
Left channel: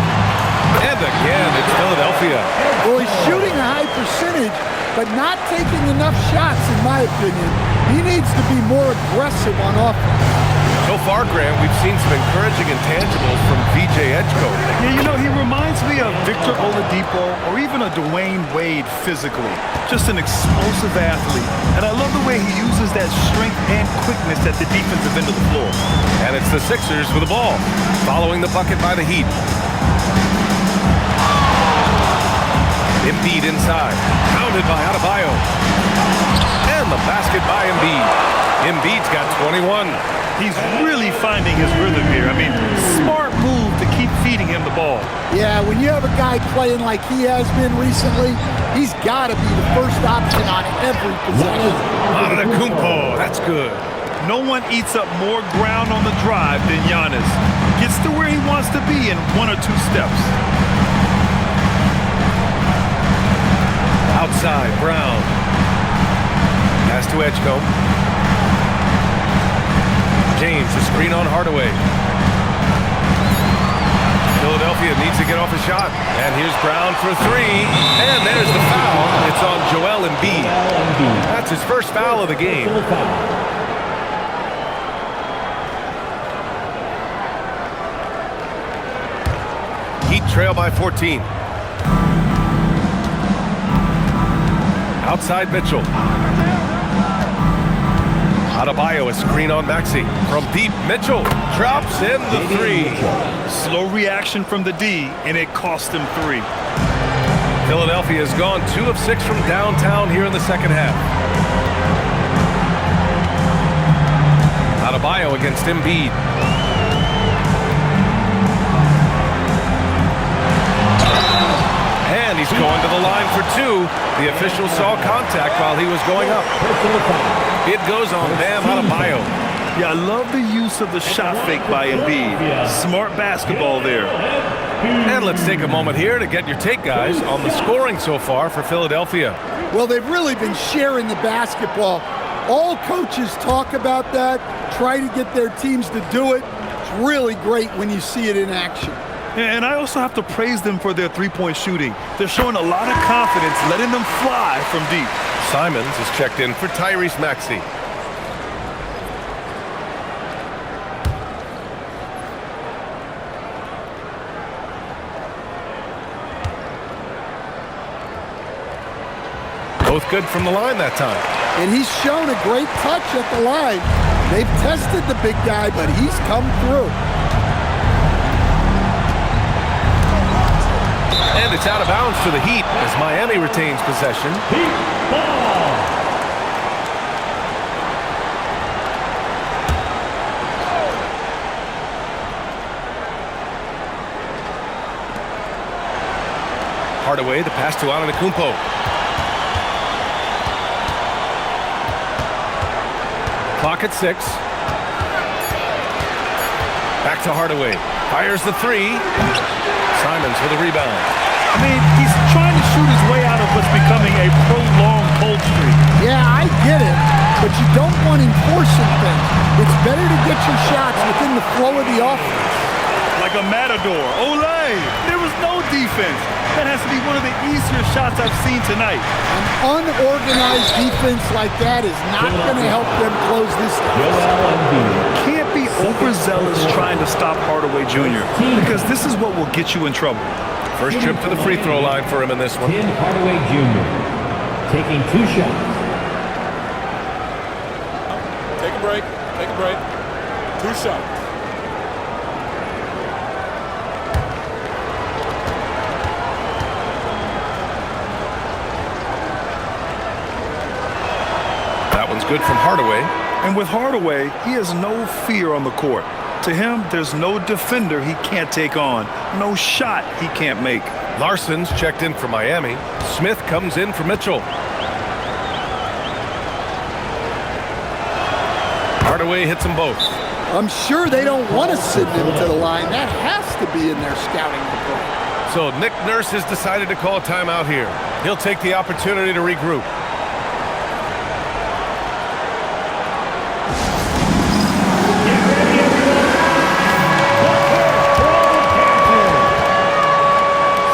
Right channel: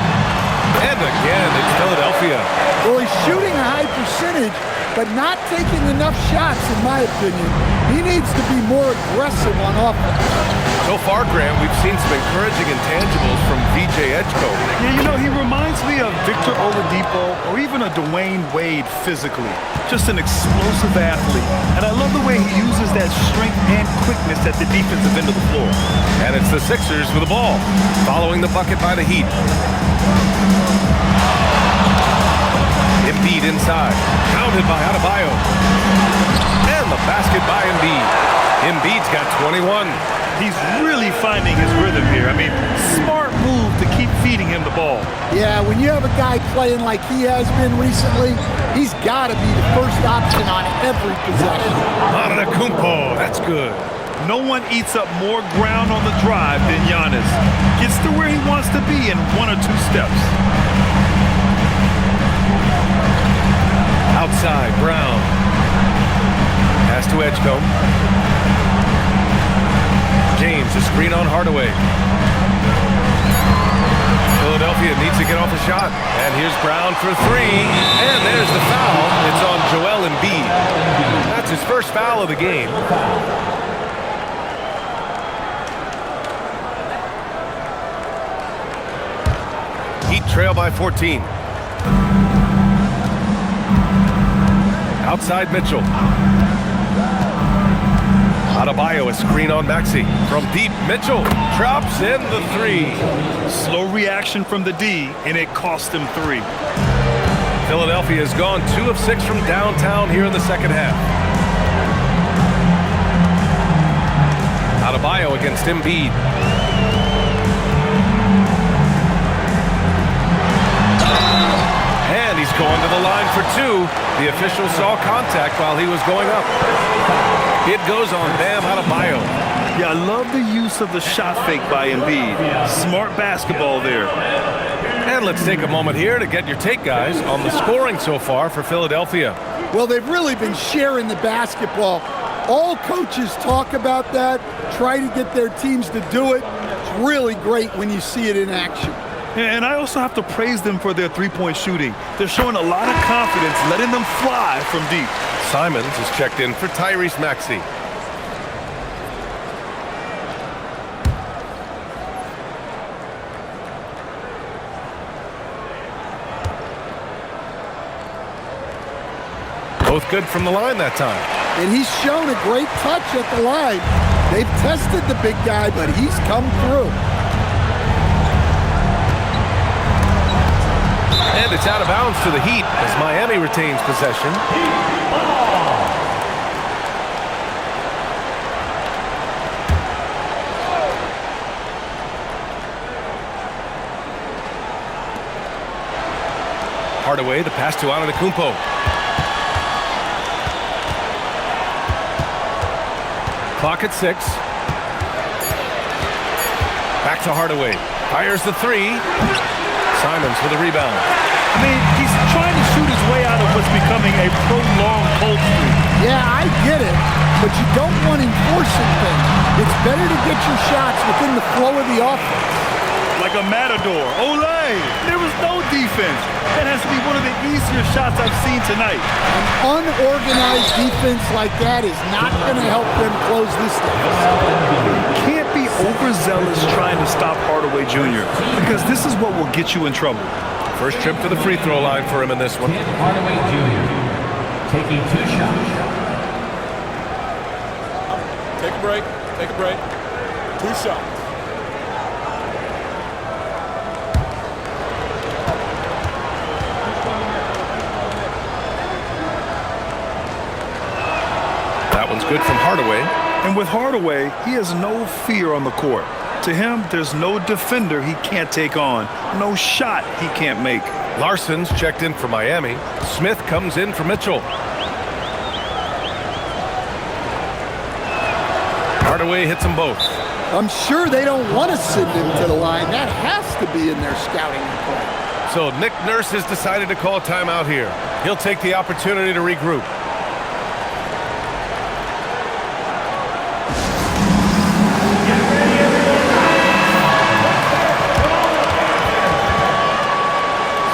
And again, it's Philadelphia. Well, he's shooting a high percentage, but not taking enough shots, in my opinion. He needs to be more aggressive on offense. So far, Graham, we've seen some encouraging intangibles from VJ Edgecombe. Yeah, you know, he reminds me of Victor Oladipo or even a Dwayne Wade physically. Just an explosive athlete. And I love the way he uses that strength and quickness at the defensive end of the floor. And it's the Sixers with the ball, following the bucket by the Heat. Embiid inside, counted by Adebayo. And the basket by Embiid. Embiid's got 21. He's really finding his rhythm here. I mean, smart move to keep feeding him the ball. Yeah, when you have a guy playing like he has been recently, he's got to be the first option on every possession. Antetokounmpo, that's good. No one eats up more ground on the drive than Giannis. Gets to where he wants to be in 1 or 2 steps. Outside, Brown. Pass to Edgecombe. James, a screen on Hardaway. Philadelphia needs to get off a shot. And here's Brown for 3. And there's the foul. It's on Joel Embiid. That's his first foul of the game. Heat trail by 14. Outside Mitchell. Adebayo, a screen on Maxey. From deep, Mitchell drops in the 3. Slow reaction from the D, and it cost him 3. Philadelphia has gone 2 of 6 from downtown here in the second half. Adebayo against Embiid. And he's going to the line for 2. The official saw contact while he was going up. It goes on Bam Adebayo. Yeah, I love the use of the shot fake by Embiid. Smart basketball there. And let's take a moment here to get your take, guys, on the scoring so far for Philadelphia. Well, they've really been sharing the basketball. All coaches talk about that, try to get their teams to do it. It's really great when you see it in action. And I also have to praise them for their three-point shooting. They're showing a lot of confidence, letting them fly from deep. Simons is checked in for Tyrese Maxey. Both good from the line that time. And he's shown a great touch at the line. They've tested the big guy, but he's come through. And it's out of bounds to the Heat as Miami retains possession. Heat ball. Hardaway, the pass to Antetokounmpo. Clock at 6. Back to Hardaway. Fires the 3. Simons with a rebound. I mean, he's trying to shoot his way out of what's becoming a prolonged cold streak. Yeah, I get it, but you don't want him forcing things. It's better to get your shots within the flow of the offense. Like a matador. Olay! There was no defense. That has to be one of the easier shots I've seen tonight. An unorganized defense like that is not going to help them close this deficit. Can't be overzealous trying to stop Hardaway Jr. because this is what will get you in trouble. First trip to the free throw line for him in this one. Tim Hardaway Jr. taking 2 shots. Take a break. Take a break. 2 shots. That one's good from Hardaway. And with Hardaway, he has no fear on the court. To him, there's no defender he can't take on, no shot he can't make. Larson's checked in for Miami. Smith comes in for Mitchell. Hardaway hits them both. I'm sure they don't want to send him to the line. That has to be in their scouting report. So Nick Nurse has decided to call a timeout here. He'll take the opportunity to regroup.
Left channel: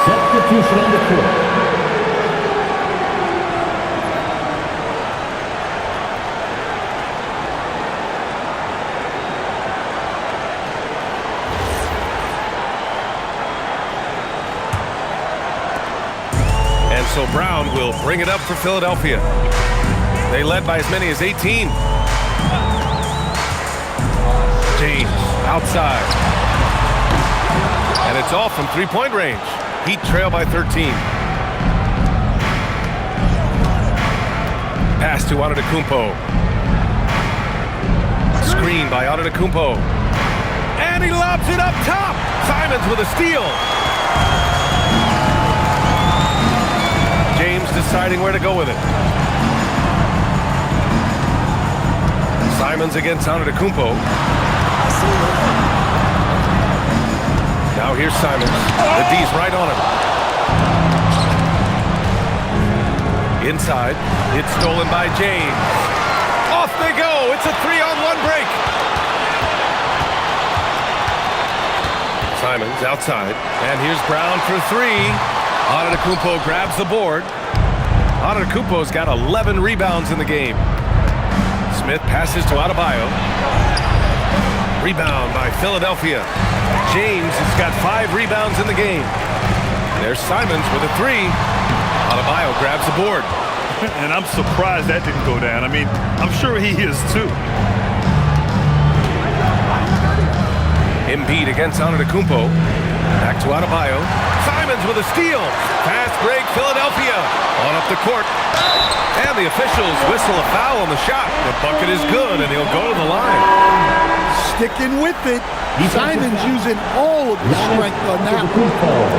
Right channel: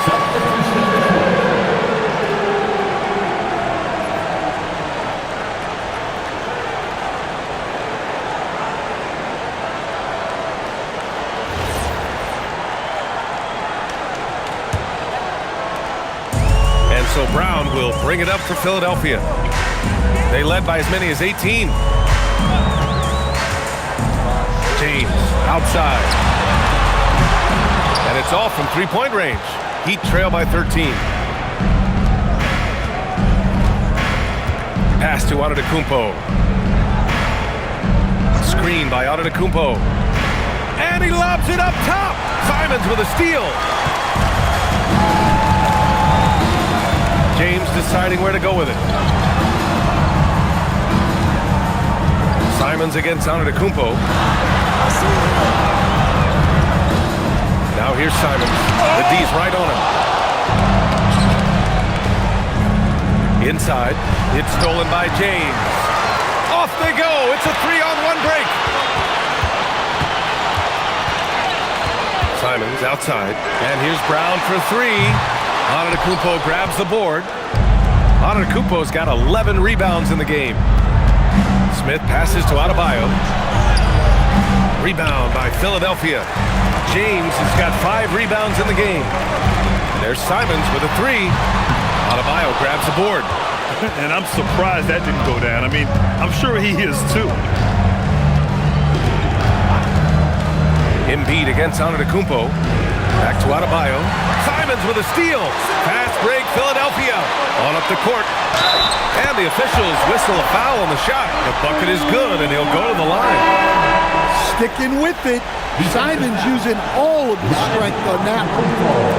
Substitution on the court. And so Brown will bring it up for Philadelphia. They led by as many as 18. James outside. And it's all from three-point range. Heat trail by 13. Pass to Antetokounmpo. Screen by Antetokounmpo. And he lobs it up top. Simons with a steal. James deciding where to go with it. Simons against Antetokounmpo. Now here's Simons. The D's right on him. Inside. It's stolen by James. Off they go. It's a 3-on-1 break. Simons outside. And here's Brown for 3. Antetokounmpo grabs the board. Antetokounmpo's got 11 rebounds in the game. Smith passes to Adebayo. Rebound by Philadelphia. James has got 5 rebounds in the game. There's Simons with a 3. Adebayo grabs the board. And I'm surprised that didn't go down. I mean, I'm sure he is too. Embiid against Antetokounmpo. Back to Adebayo. Simons with a steal. Fast break, Philadelphia. On up the court. And the officials whistle a foul on the shot. The bucket is good, and he'll go to the line. Sticking with it. Simons using all of his strength on that one.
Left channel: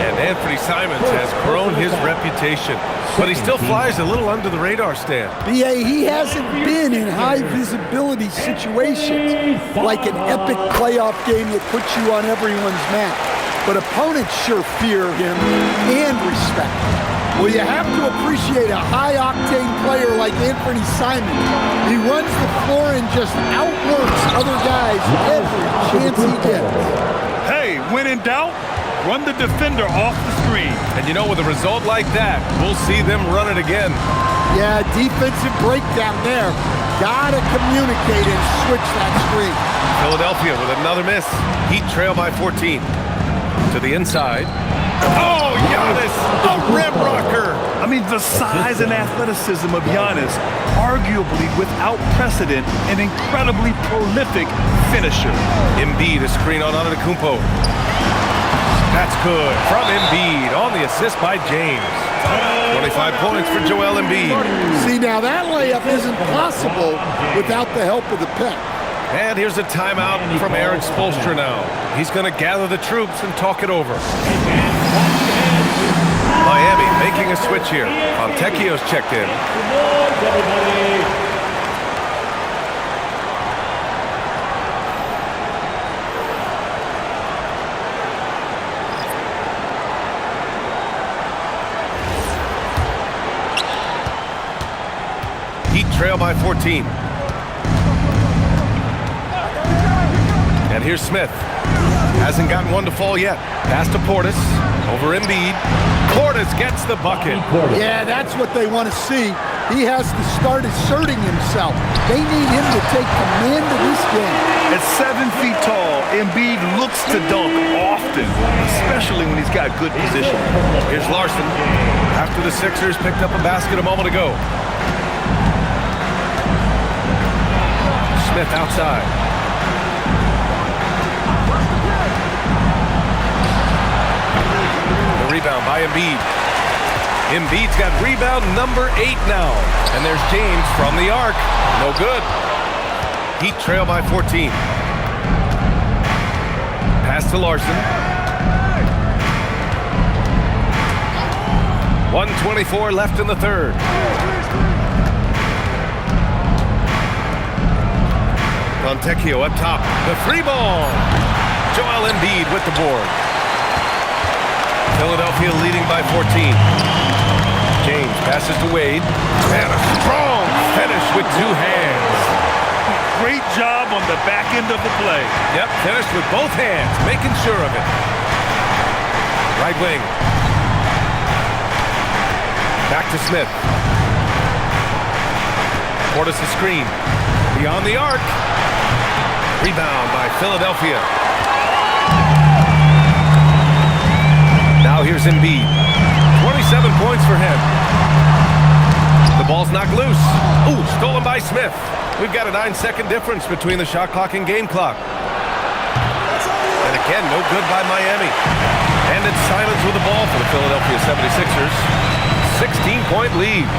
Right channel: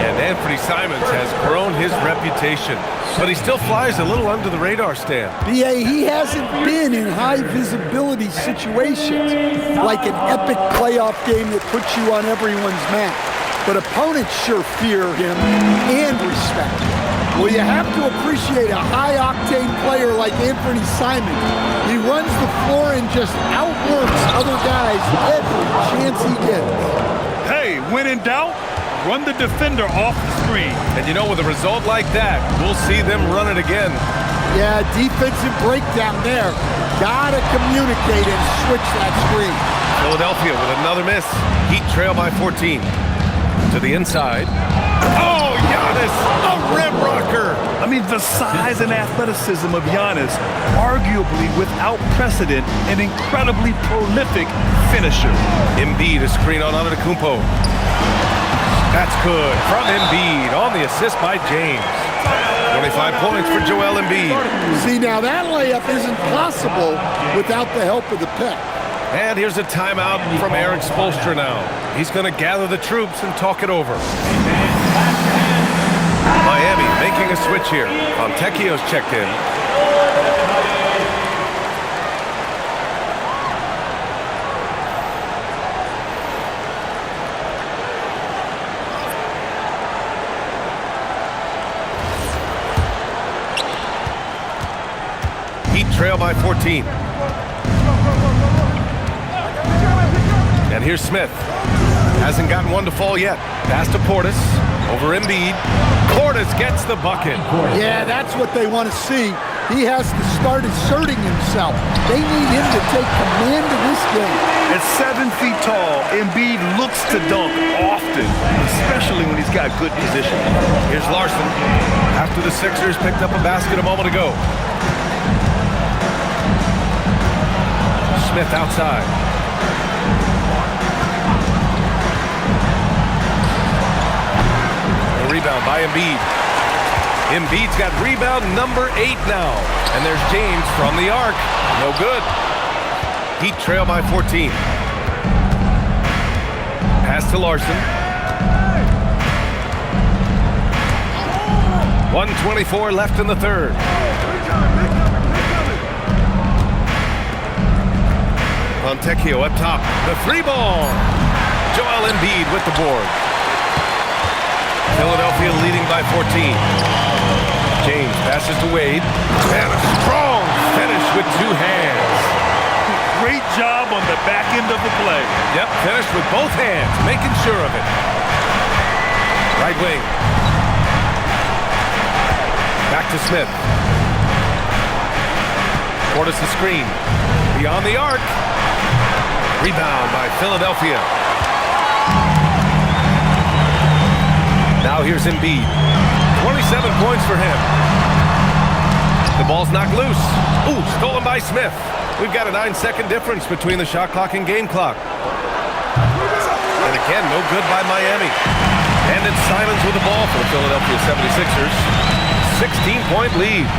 And Anthony Simons has grown his reputation, but he still flies a little under the radar, Stan. BA, he hasn't been in high visibility situations like an epic playoff game that puts you on everyone's map. But opponents sure fear him and respect him. Well, you have to appreciate a high-octane player like Anthony Simons. He runs the floor and just outworks other guys every chance he gets. Hey, when in doubt, run the defender off the screen. And you know, with a result like that, we'll see them run it again. Yeah, defensive breakdown there. Gotta communicate and switch that screen. Philadelphia with another miss. Heat trail by 14. To the inside. Oh, Giannis, a rim rocker. I mean, the size and athleticism of Giannis, arguably without precedent, an incredibly prolific finisher. Embiid, a screen on Antetokounmpo. That's good from Embiid on the assist by James. 25 points for Joel Embiid. See, now that layup isn't possible without the help of the pick. And here's a timeout from Eric Spoelstra now. He's going to gather the troops and talk it over. Miami making a switch here. Fontecchio's checked in. Heat trail by 14. And here's Smith. Hasn't gotten one to fall yet. Pass to Portis. Over Embiid. Portis gets the bucket. Yeah, that's what they want to see. He has to start asserting himself. They need him to take command of this game. At 7 feet tall, Embiid looks to dunk often, especially when he's got good position. Here's Larson. After the Sixers picked up a basket a moment ago. Smith outside. The rebound by Embiid. Embiid's got rebound number 8 now. And there's James from the arc. No good. Heat trail by 14. Pass to Larson. 1:24 left in the third. Fontecchio up top. The three ball. Joel Embiid with the board. Philadelphia leading by 14. James passes to Wade. And a strong finish with 2 hands. Great job on the back end of the play. Yep, finished with both hands, making sure of it. Right wing. Back to Smith. Portis the screen. Beyond the arc. Rebound by Philadelphia. Now here's Embiid. 27 points for him. The ball's knocked loose. Ooh, stolen by Smith. We've got a 9-second difference between the shot clock and game clock. And again, no good by Miami. And it's Simons with the ball for the Philadelphia 76ers. 16-point lead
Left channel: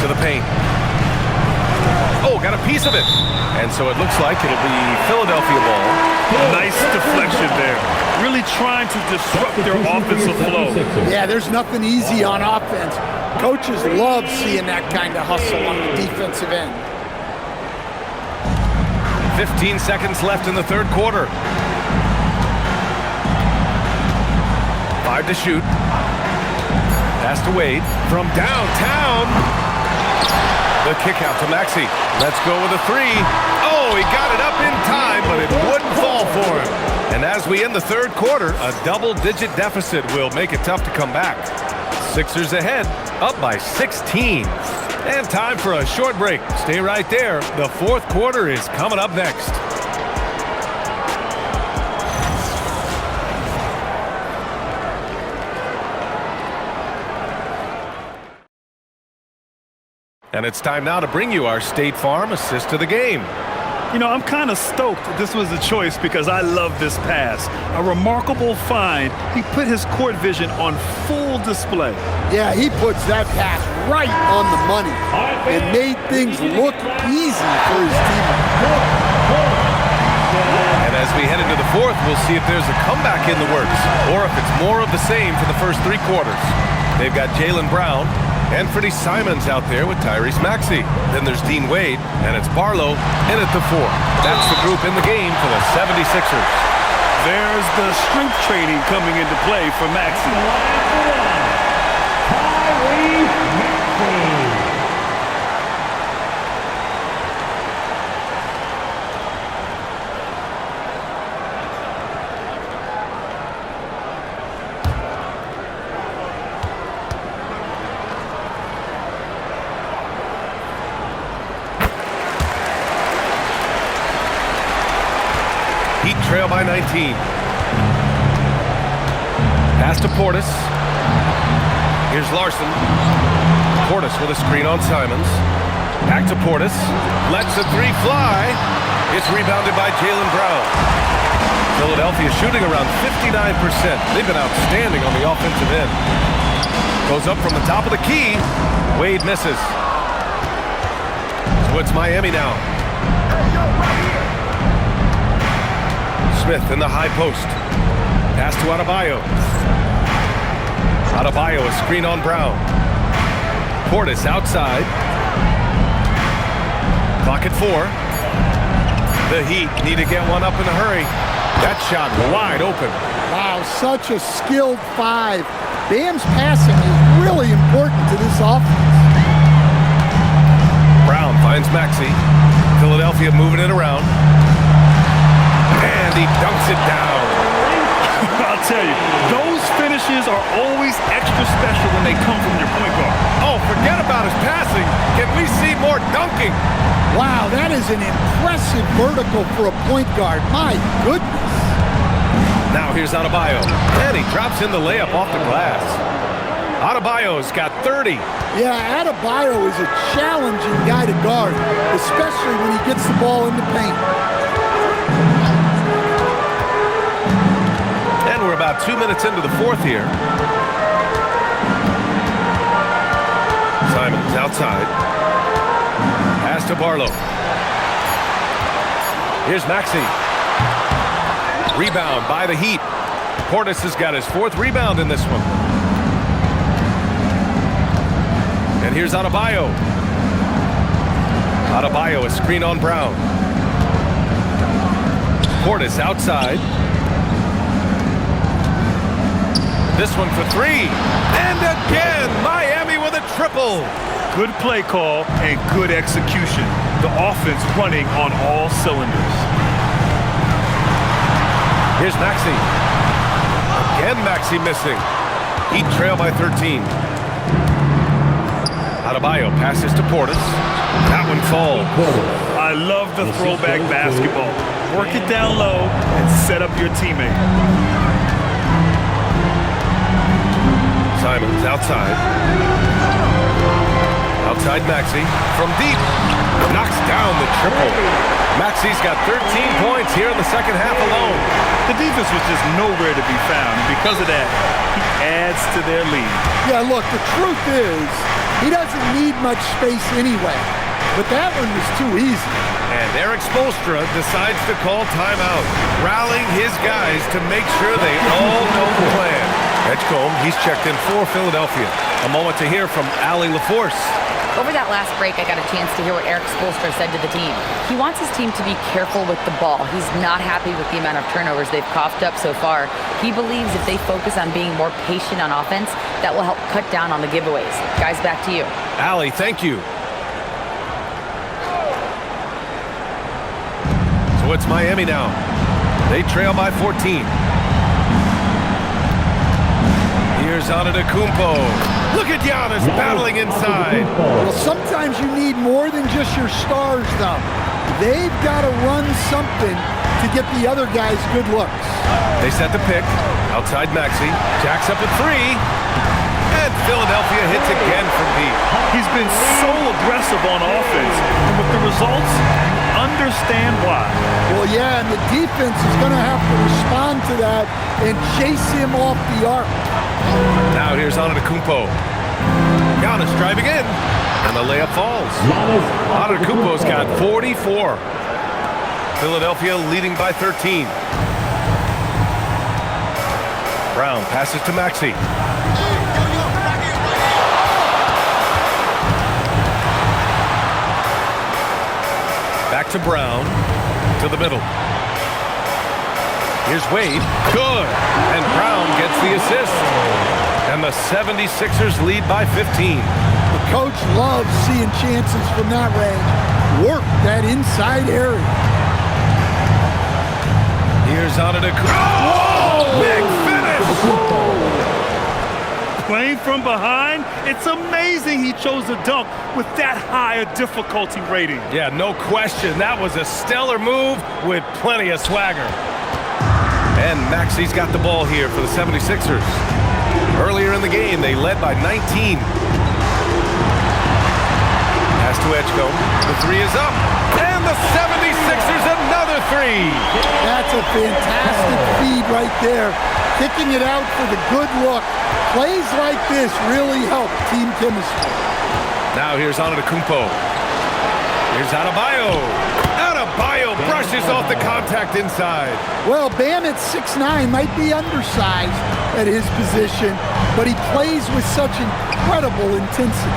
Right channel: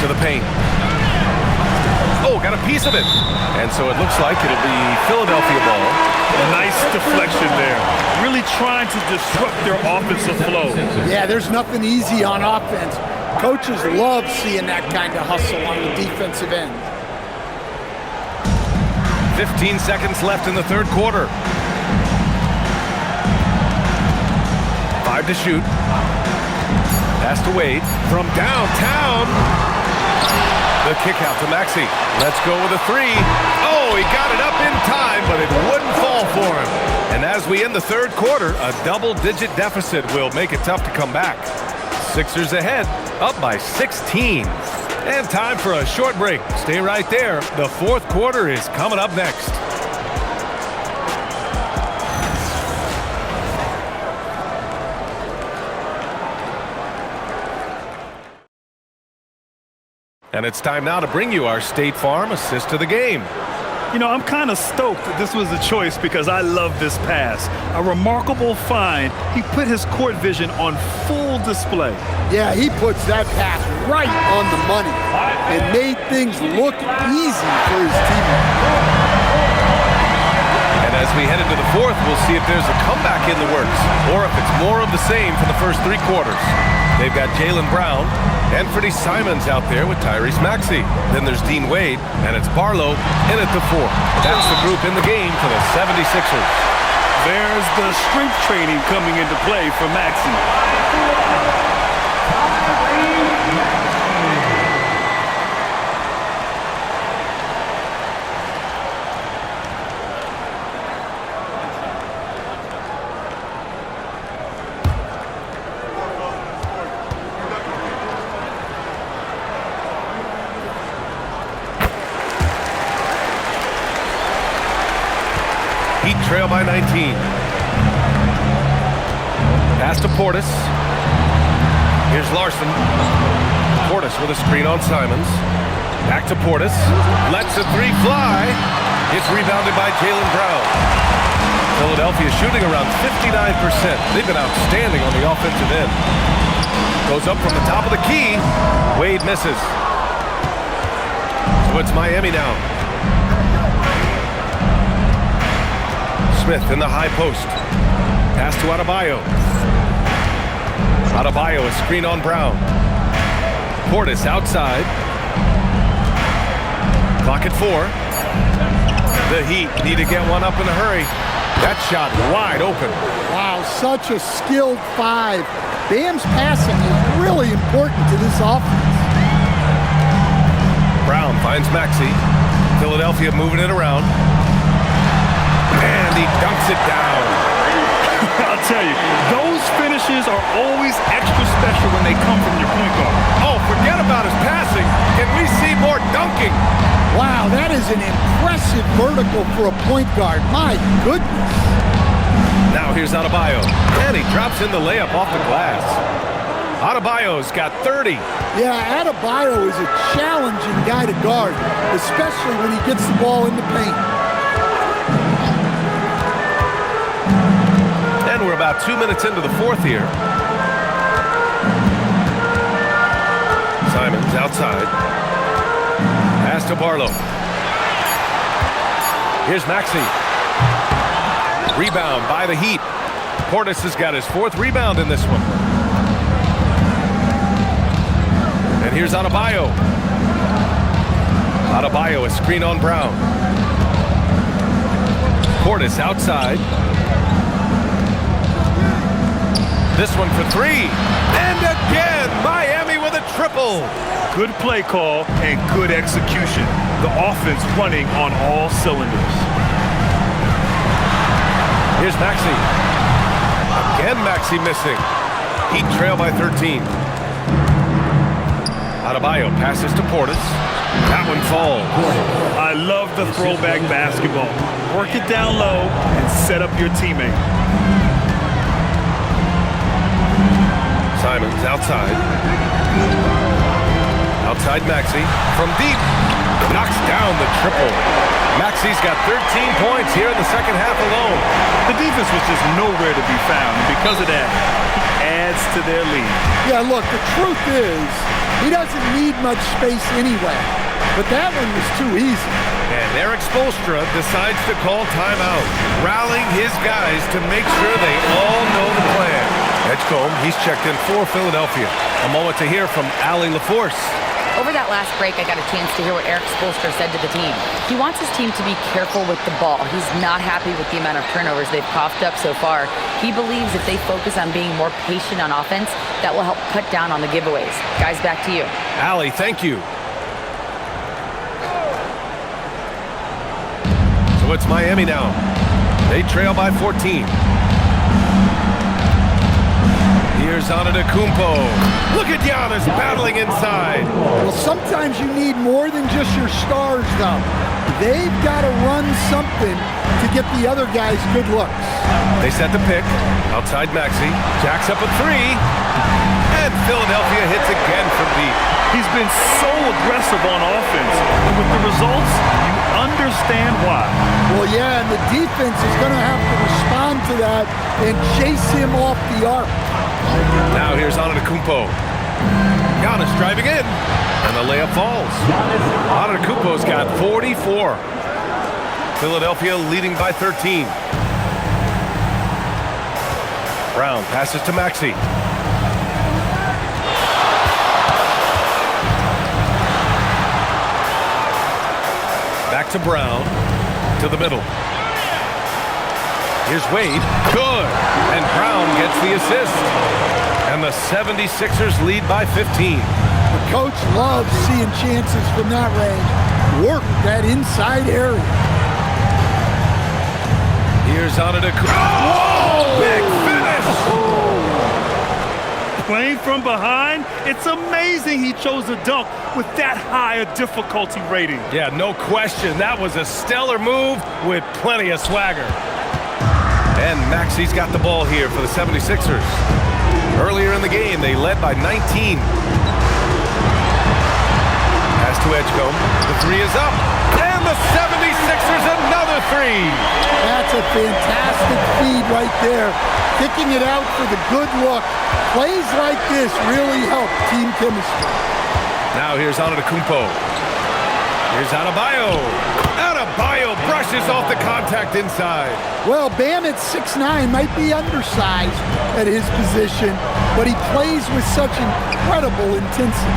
to the paint. Oh, got a piece of it. And so it looks like it'll be Philadelphia ball. Nice deflection there. Really trying to disrupt their offensive flow. Yeah, there's nothing easy on offense. Coaches love seeing that kind of hustle on the defensive end. 15 seconds left in the third quarter. 5 to shoot. Pass to Wade from downtown. The kick out to Maxey. Let's go with a 3. Oh, he got it up in time, but it wouldn't fall for him. And as we end the third quarter, a double-digit deficit will make it tough to come back. Sixers ahead, up by 16. And time for a short break. Stay right there. The fourth quarter is coming up next. And it's time now to bring you our State Farm assist to the game. You know, I'm kind of stoked that this was a choice because I love this pass. A remarkable find. He put his court vision on full display. Yeah, he puts that pass right on the money and made things look easy for his teammates. And as we head into the fourth, we'll see if there's a comeback in the works or if it's more of the same for the first 3 quarters. They've got Jaylen Brown, Anthony Simons out there with Tyrese Maxey. Then there's Dean Wade, and it's Barlow in at the 4. That's the group in the game for the 76ers. There's the strength training coming into play for Maxey. Heat trail by 19. Pass to Portis. Here's Larson. Portis with a screen on Simons. Back to Portis. Lets the 3 fly. It's rebounded by Jaylen Brown. Philadelphia shooting around 59%. They've been outstanding on the offensive end. Goes up from the top of the key. Wade misses. So it's Miami now. Smith in the high post. Pass to Adebayo. Adebayo, a screen on Brown. Portis outside. Clock at 4. The Heat need to get one up in a hurry. That shot wide open. Wow, such a skilled 5. Bam's passing is really important to this offense. Brown finds Maxey. Philadelphia moving it around. And he dunks it down. I'll tell you, those finishes are always extra special when they come from your point guard. Oh, forget about his passing. Can we see more dunking? Wow, that is an impressive vertical for a point guard. My goodness. Now here's Adebayo. And he drops in the layup off the glass. Adebayo's got 30. Yeah, Adebayo is a challenging guy to guard, especially when he gets the ball in the paint. And we're about 2 minutes into the fourth here. Simons outside. Pass to Barlow. Here's Maxey. Rebound by the Heat. Portis has got his 4th rebound in this one. And here's Adebayo. Adebayo, a screen on Brown. Portis outside. This one for 3. And again, Miami with a triple. Good play call and good execution. The offense running on all cylinders. Here's Maxey. Again, Maxey missing. Heat trail by 13. Adebayo passes to Portis. That one falls. I love the throwback basketball. Work it down low and set up your teammate. Simons outside. Outside Maxey. From deep. Knocks down the triple. Maxey's got 13 points here in the second half alone. The defense was just nowhere to be found, and because of that, he adds to their lead. Yeah, look, the truth is, he doesn't need much space anyway. But that one was too easy. And Eric Spoelstra decides to call timeout, rallying his guys to make sure they all know the plan. Edgecombe, he's checked in for Philadelphia. A moment to hear from Allie LaForce. Over that last break, I got a chance to hear what Eric Spoelstra said to the team. He wants his team to be careful with the ball. He's not happy with the amount of turnovers they've coughed up so far. He believes if they focus on being more patient on offense, that will help cut down on the giveaways. Guys, back to you. Allie, thank you. So it's Miami now. They trail by 14. Here's Antetokounmpo. Look at Giannis battling inside. Well, sometimes you need more than just your stars, though. They've got to run something to get the other guys good looks. They set the pick. Outside Maxey. Jacks up a 3. And Philadelphia hits again from deep. He's been so aggressive on offense, and with the results, you understand why. Well, yeah, and the defense is going to have to respond to that and chase him off the arc. Now here's Antetokounmpo. Giannis driving in, and the layup falls. Antetokounmpo's got 44. Philadelphia leading by 13. Brown passes to Maxey. Back to Brown, to the middle. Here's Wade, good, and Brown gets the assist. And the 76ers lead by 15. The coach loves seeing chances from that range. Work that inside area. Here's Antetokounmpo. Oh, big finish! Playing from behind, it's amazing he chose a dunk with that high a difficulty rating. Yeah, no question. That was a stellar move with plenty of swagger. And Maxey's got the ball here for the 76ers. Earlier in the game, they led by 19. Pass to Edgecombe. The 3 is up. And the 76ers another 3. That's a fantastic feed right there. Kicking it out for the good look. Plays like this really help team chemistry. Now here's Antetokounmpo. Here's Adebayo. Adebayo brushes off the contact inside. Well, Bam at 6'9" might be undersized at his position, but he plays with such incredible intensity.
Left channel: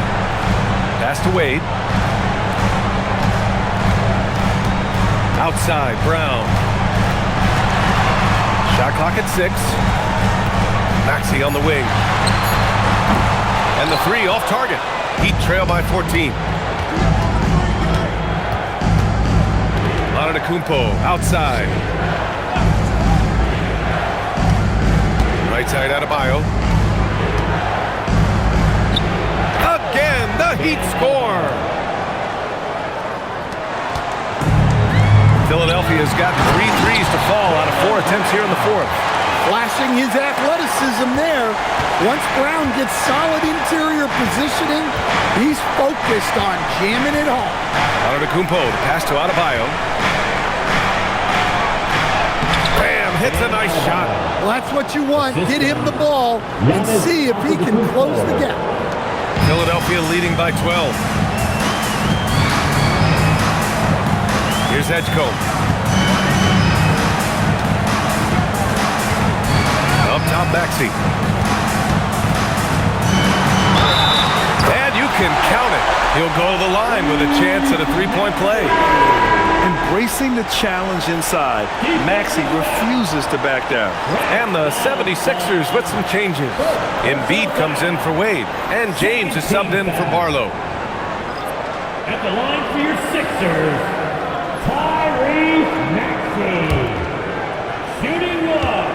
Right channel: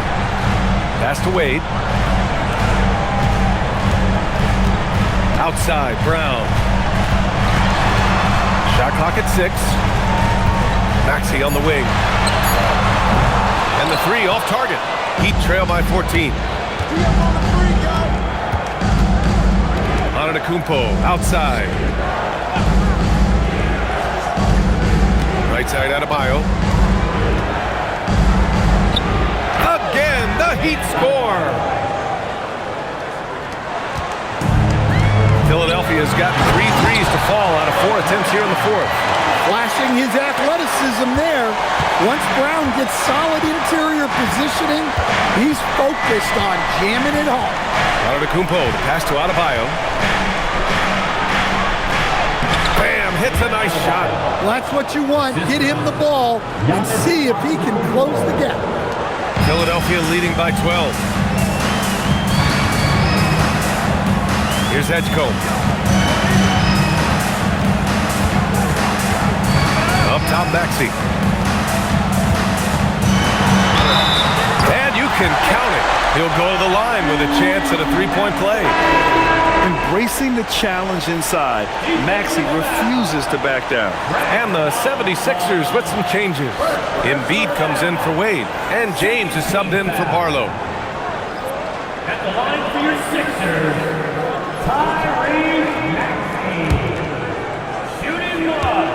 Pass to Wade. Outside, Brown. Shot clock at 6. Maxey on the wing. And the 3 off target. Heat trail by 14. Antetokounmpo outside. Right side Adebayo. Again, the Heat score. Philadelphia's gotten 3 threes to fall out of 4 attempts here in the fourth. Flashing his athleticism there. Once Brown gets solid interior positioning, he's focused on jamming it home. Antetokounmpo, the pass to Adebayo. Bam, hits a nice shot. Well, that's what you want. Get him the ball and see if he can close the gap. Philadelphia leading by 12. Here's Edgecombe. Up top, Maxey. And you can count it. He'll go to the line with a chance at a three-point play. Embracing the challenge inside, Maxey refuses to back down. And the 76ers with some changes. Embiid comes in for Wade, and James is subbed in for Barlow. At the line for your Sixers, Tyrese Maxey. Shooting one.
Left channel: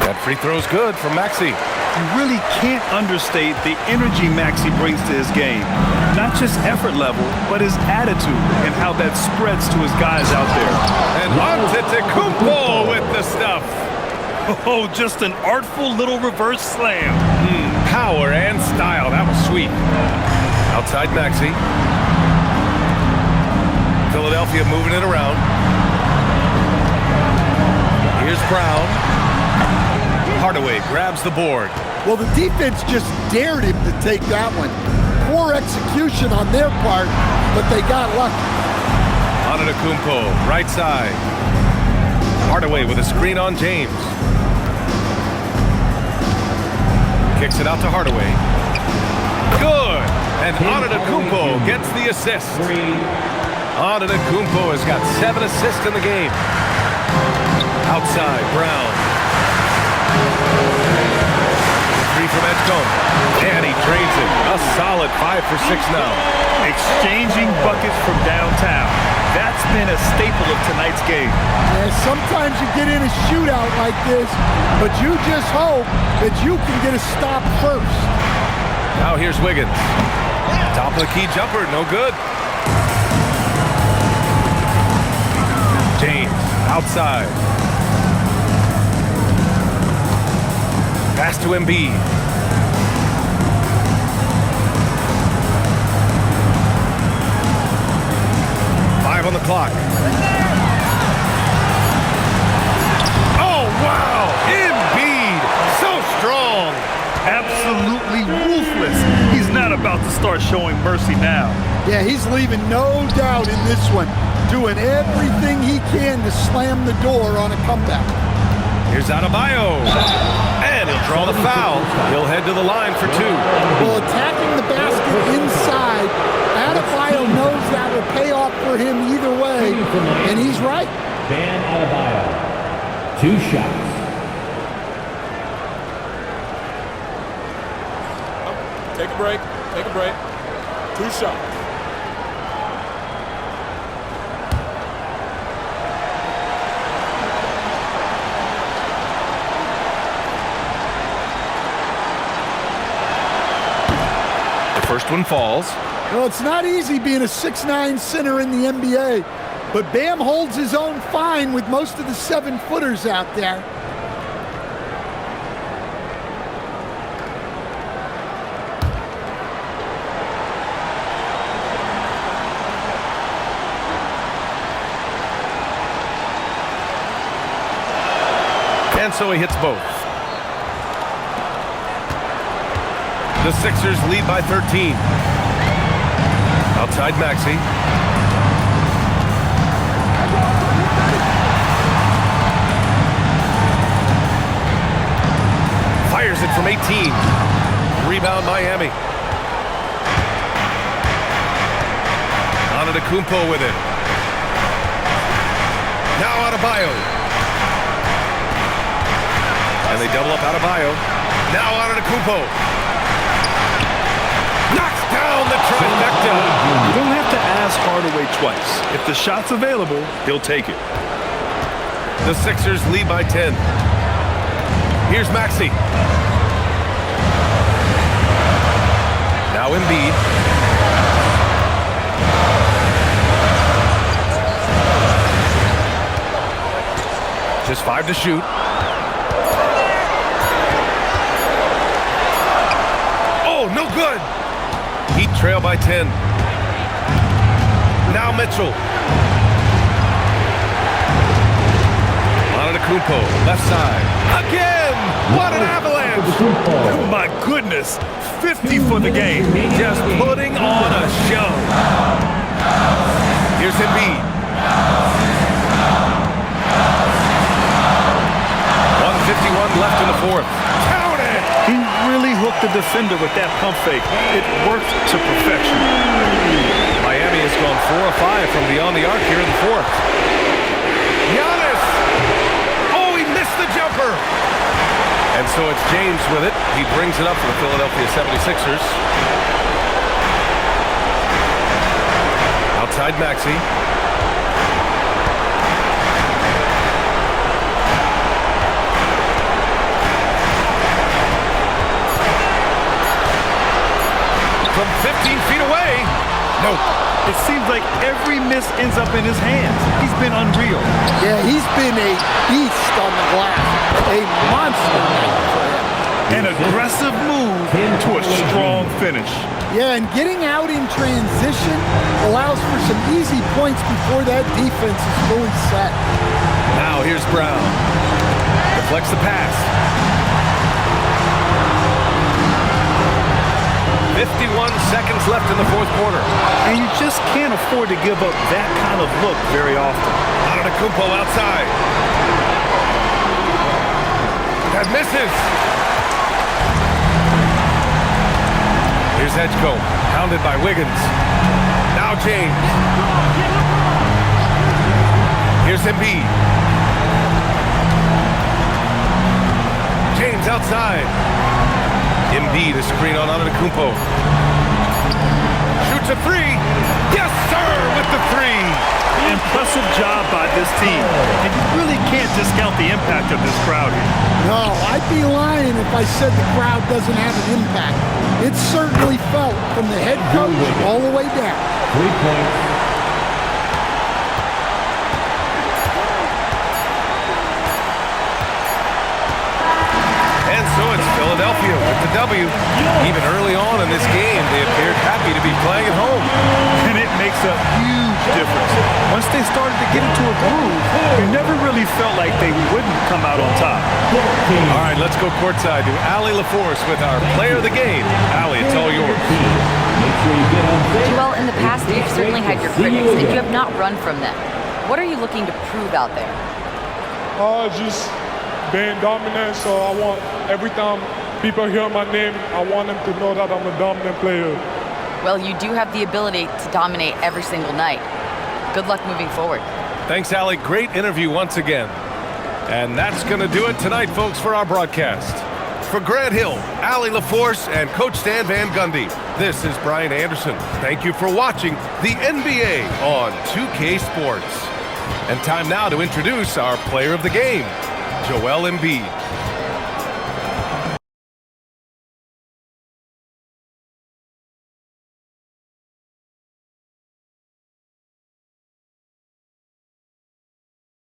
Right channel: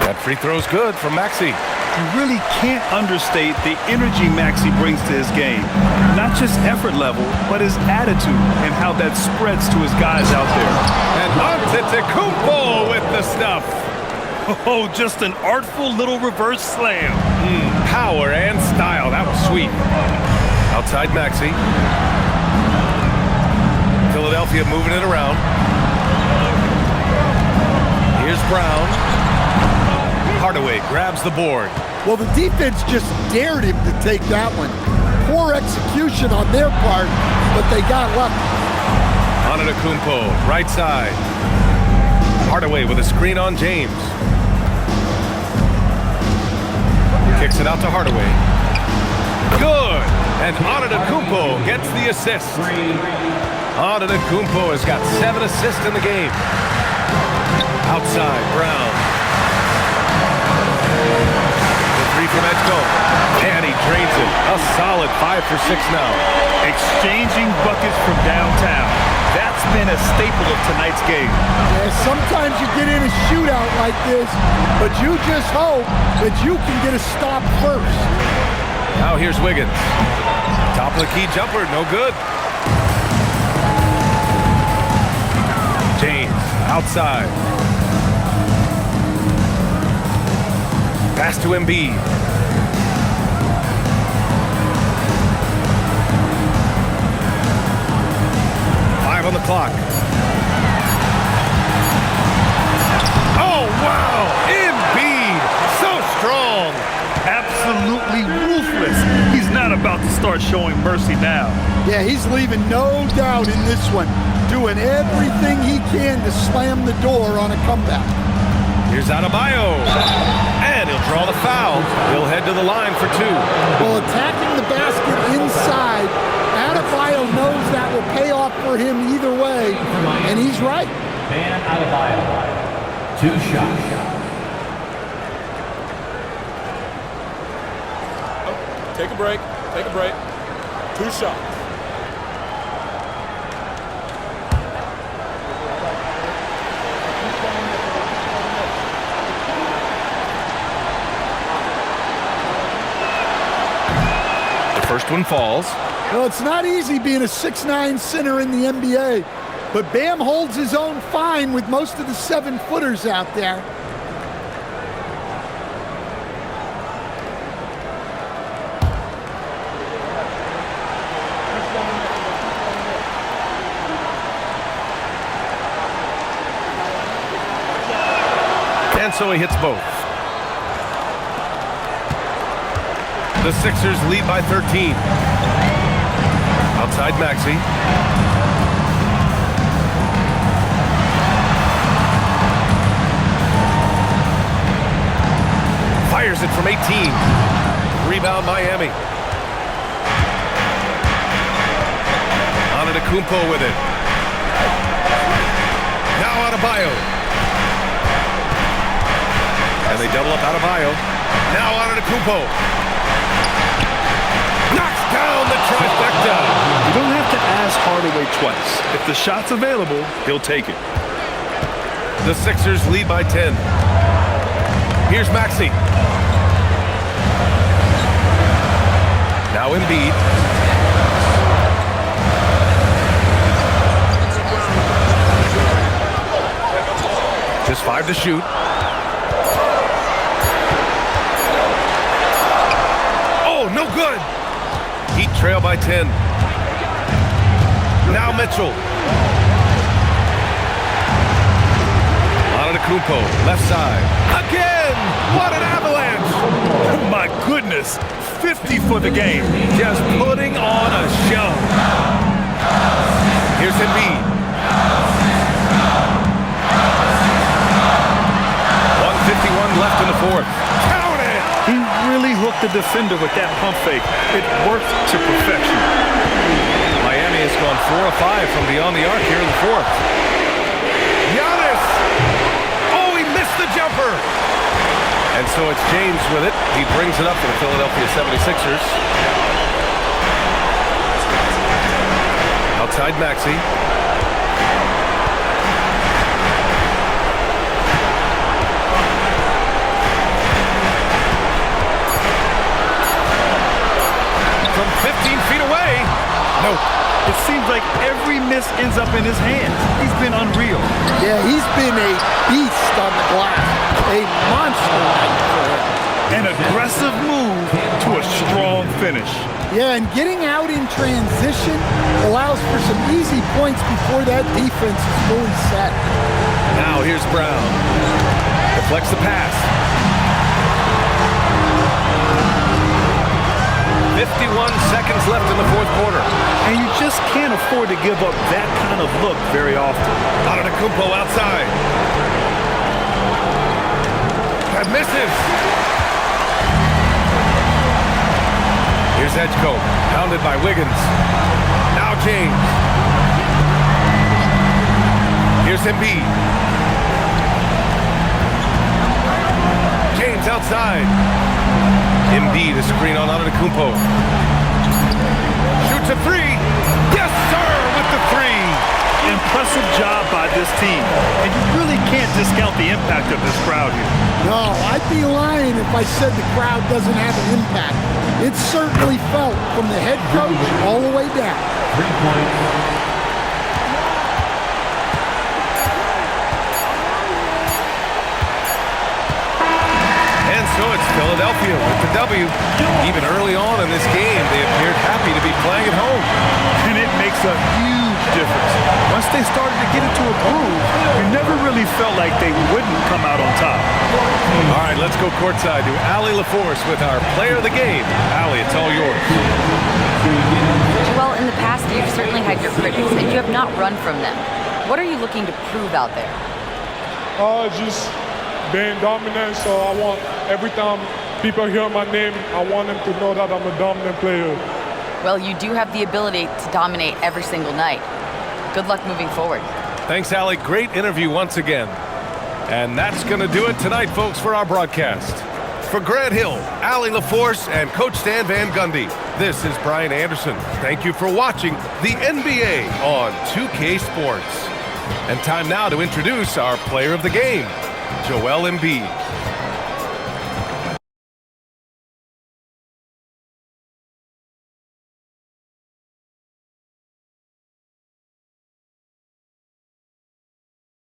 That free throw's good for Maxey. You really can't understate the energy Maxey brings to his game. Not just effort level, but his attitude and how that spreads to his guys out there. And Antetokounmpo with the stuff. Oh, just an artful little reverse slam. Power and style. That was sweet. Outside Maxey. Philadelphia moving it around. Here's Brown. Hardaway grabs the board. Well, the defense just dared him to take that one. Poor execution on their part, but they got lucky. Antetokounmpo, right side. Hardaway with a screen on James. Kicks it out to Hardaway. Good! And Antetokounmpo gets the assist. Antetokounmpo has got 7 assists in the game. Outside, Brown. Three from Edgecombe, and he drains it. A solid 5 for 6 now. Exchanging buckets from downtown. That's been a staple of tonight's game. Yeah, sometimes you get in a shootout like this, but you just hope that you can get a stop first. Now here's Wiggins. Top of the key jumper, no good. James, outside. Pass to Embiid. Five on the clock. Oh, wow! Embiid, so strong. Absolutely ruthless. He's not about to start showing mercy now. Yeah, he's leaving no doubt in this one. Doing everything he can to slam the door on a comeback. Here's Adebayo. And he'll draw the foul. He'll head to the line for 2. Well, attacking the basket inside, Adebayo knows that will pay off for him either way, and he's right. Bam Adebayo. 2 shots. Take a break. Take a break. 2 shots. First one falls. Well, it's not easy being a 6'9" center in the NBA, but Bam holds his own fine with most of the 7-footers out there. And so he hits both. The Sixers lead by 13. Outside Maxey. Fires it from 18. Rebound Miami. Antetokounmpo with it. Now Adebayo. And they double up Adebayo. Now Antetokounmpo. Knocks down the trifecta. You don't have to ask Hardaway twice. If the shot's available, he'll take it. The Sixers lead by 10. Here's Maxey. Now Embiid. Just 5 to shoot. Oh, no good. Heat trail by 10. Now Mitchell. Antetokounmpo, left side. Again! What an avalanche! My goodness, 50 for the game. Just putting on a show. Here's Embiid. 1:51 left in the fourth. Count it! He really hooked the defender with that pump fake. It worked to perfection. Miami has gone 4 of 5 from beyond the arc here in the fourth. Giannis! Oh, he missed the jumper! And so it's James with it. He brings it up for the Philadelphia 76ers. Outside Maxey. From 15 feet away. Nope. It seems like every miss ends up in his hands. He's been unreal. Yeah, he's been a beast on the glass. A monster night for him. An aggressive move to a strong finish. Yeah, and getting out in transition allows for some easy points before that defense is fully set. Now here's Brown. Deflects the pass. 51 seconds left in the fourth quarter. And you just can't afford to give up that kind of look very often. Antetokounmpo outside. That misses. Here's Edgecombe, pounded by Wiggins. Now James. Here's Embiid. James outside. Embiid, a screen on Antetokounmpo. Shoots a three. Yes, sir, with the three. Impressive job by this team. And you really can't discount the impact of this crowd here. No, I'd be lying if I said the crowd doesn't have an impact. It's certainly felt from the head coach all the way down. 3 points. And so it's Philadelphia with the W. Even early on in this game, they appeared happy to be playing at home. And it makes a huge difference. Once they started to get into a groove, you never really felt like they wouldn't come out on top. All right, let's go courtside to Allie LaForce with our player of the game. Allie, it's all yours. Joel, in the past, you've certainly had your critics, and you have not run from them. What are you looking to prove out there? Just being dominant, so I want every time people hear my name, I want them to know that I'm a dominant player. Well, you do have the ability to dominate every single night. Good luck moving forward. Thanks, Allie. Great interview once again. And that's going to do it tonight, folks, for our broadcast. For Grant Hill, Allie LaForce, and Coach Stan Van Gundy, this is Brian Anderson. Thank you for watching the NBA on 2K Sports. And time now to introduce our player of the game, Joel Embiid.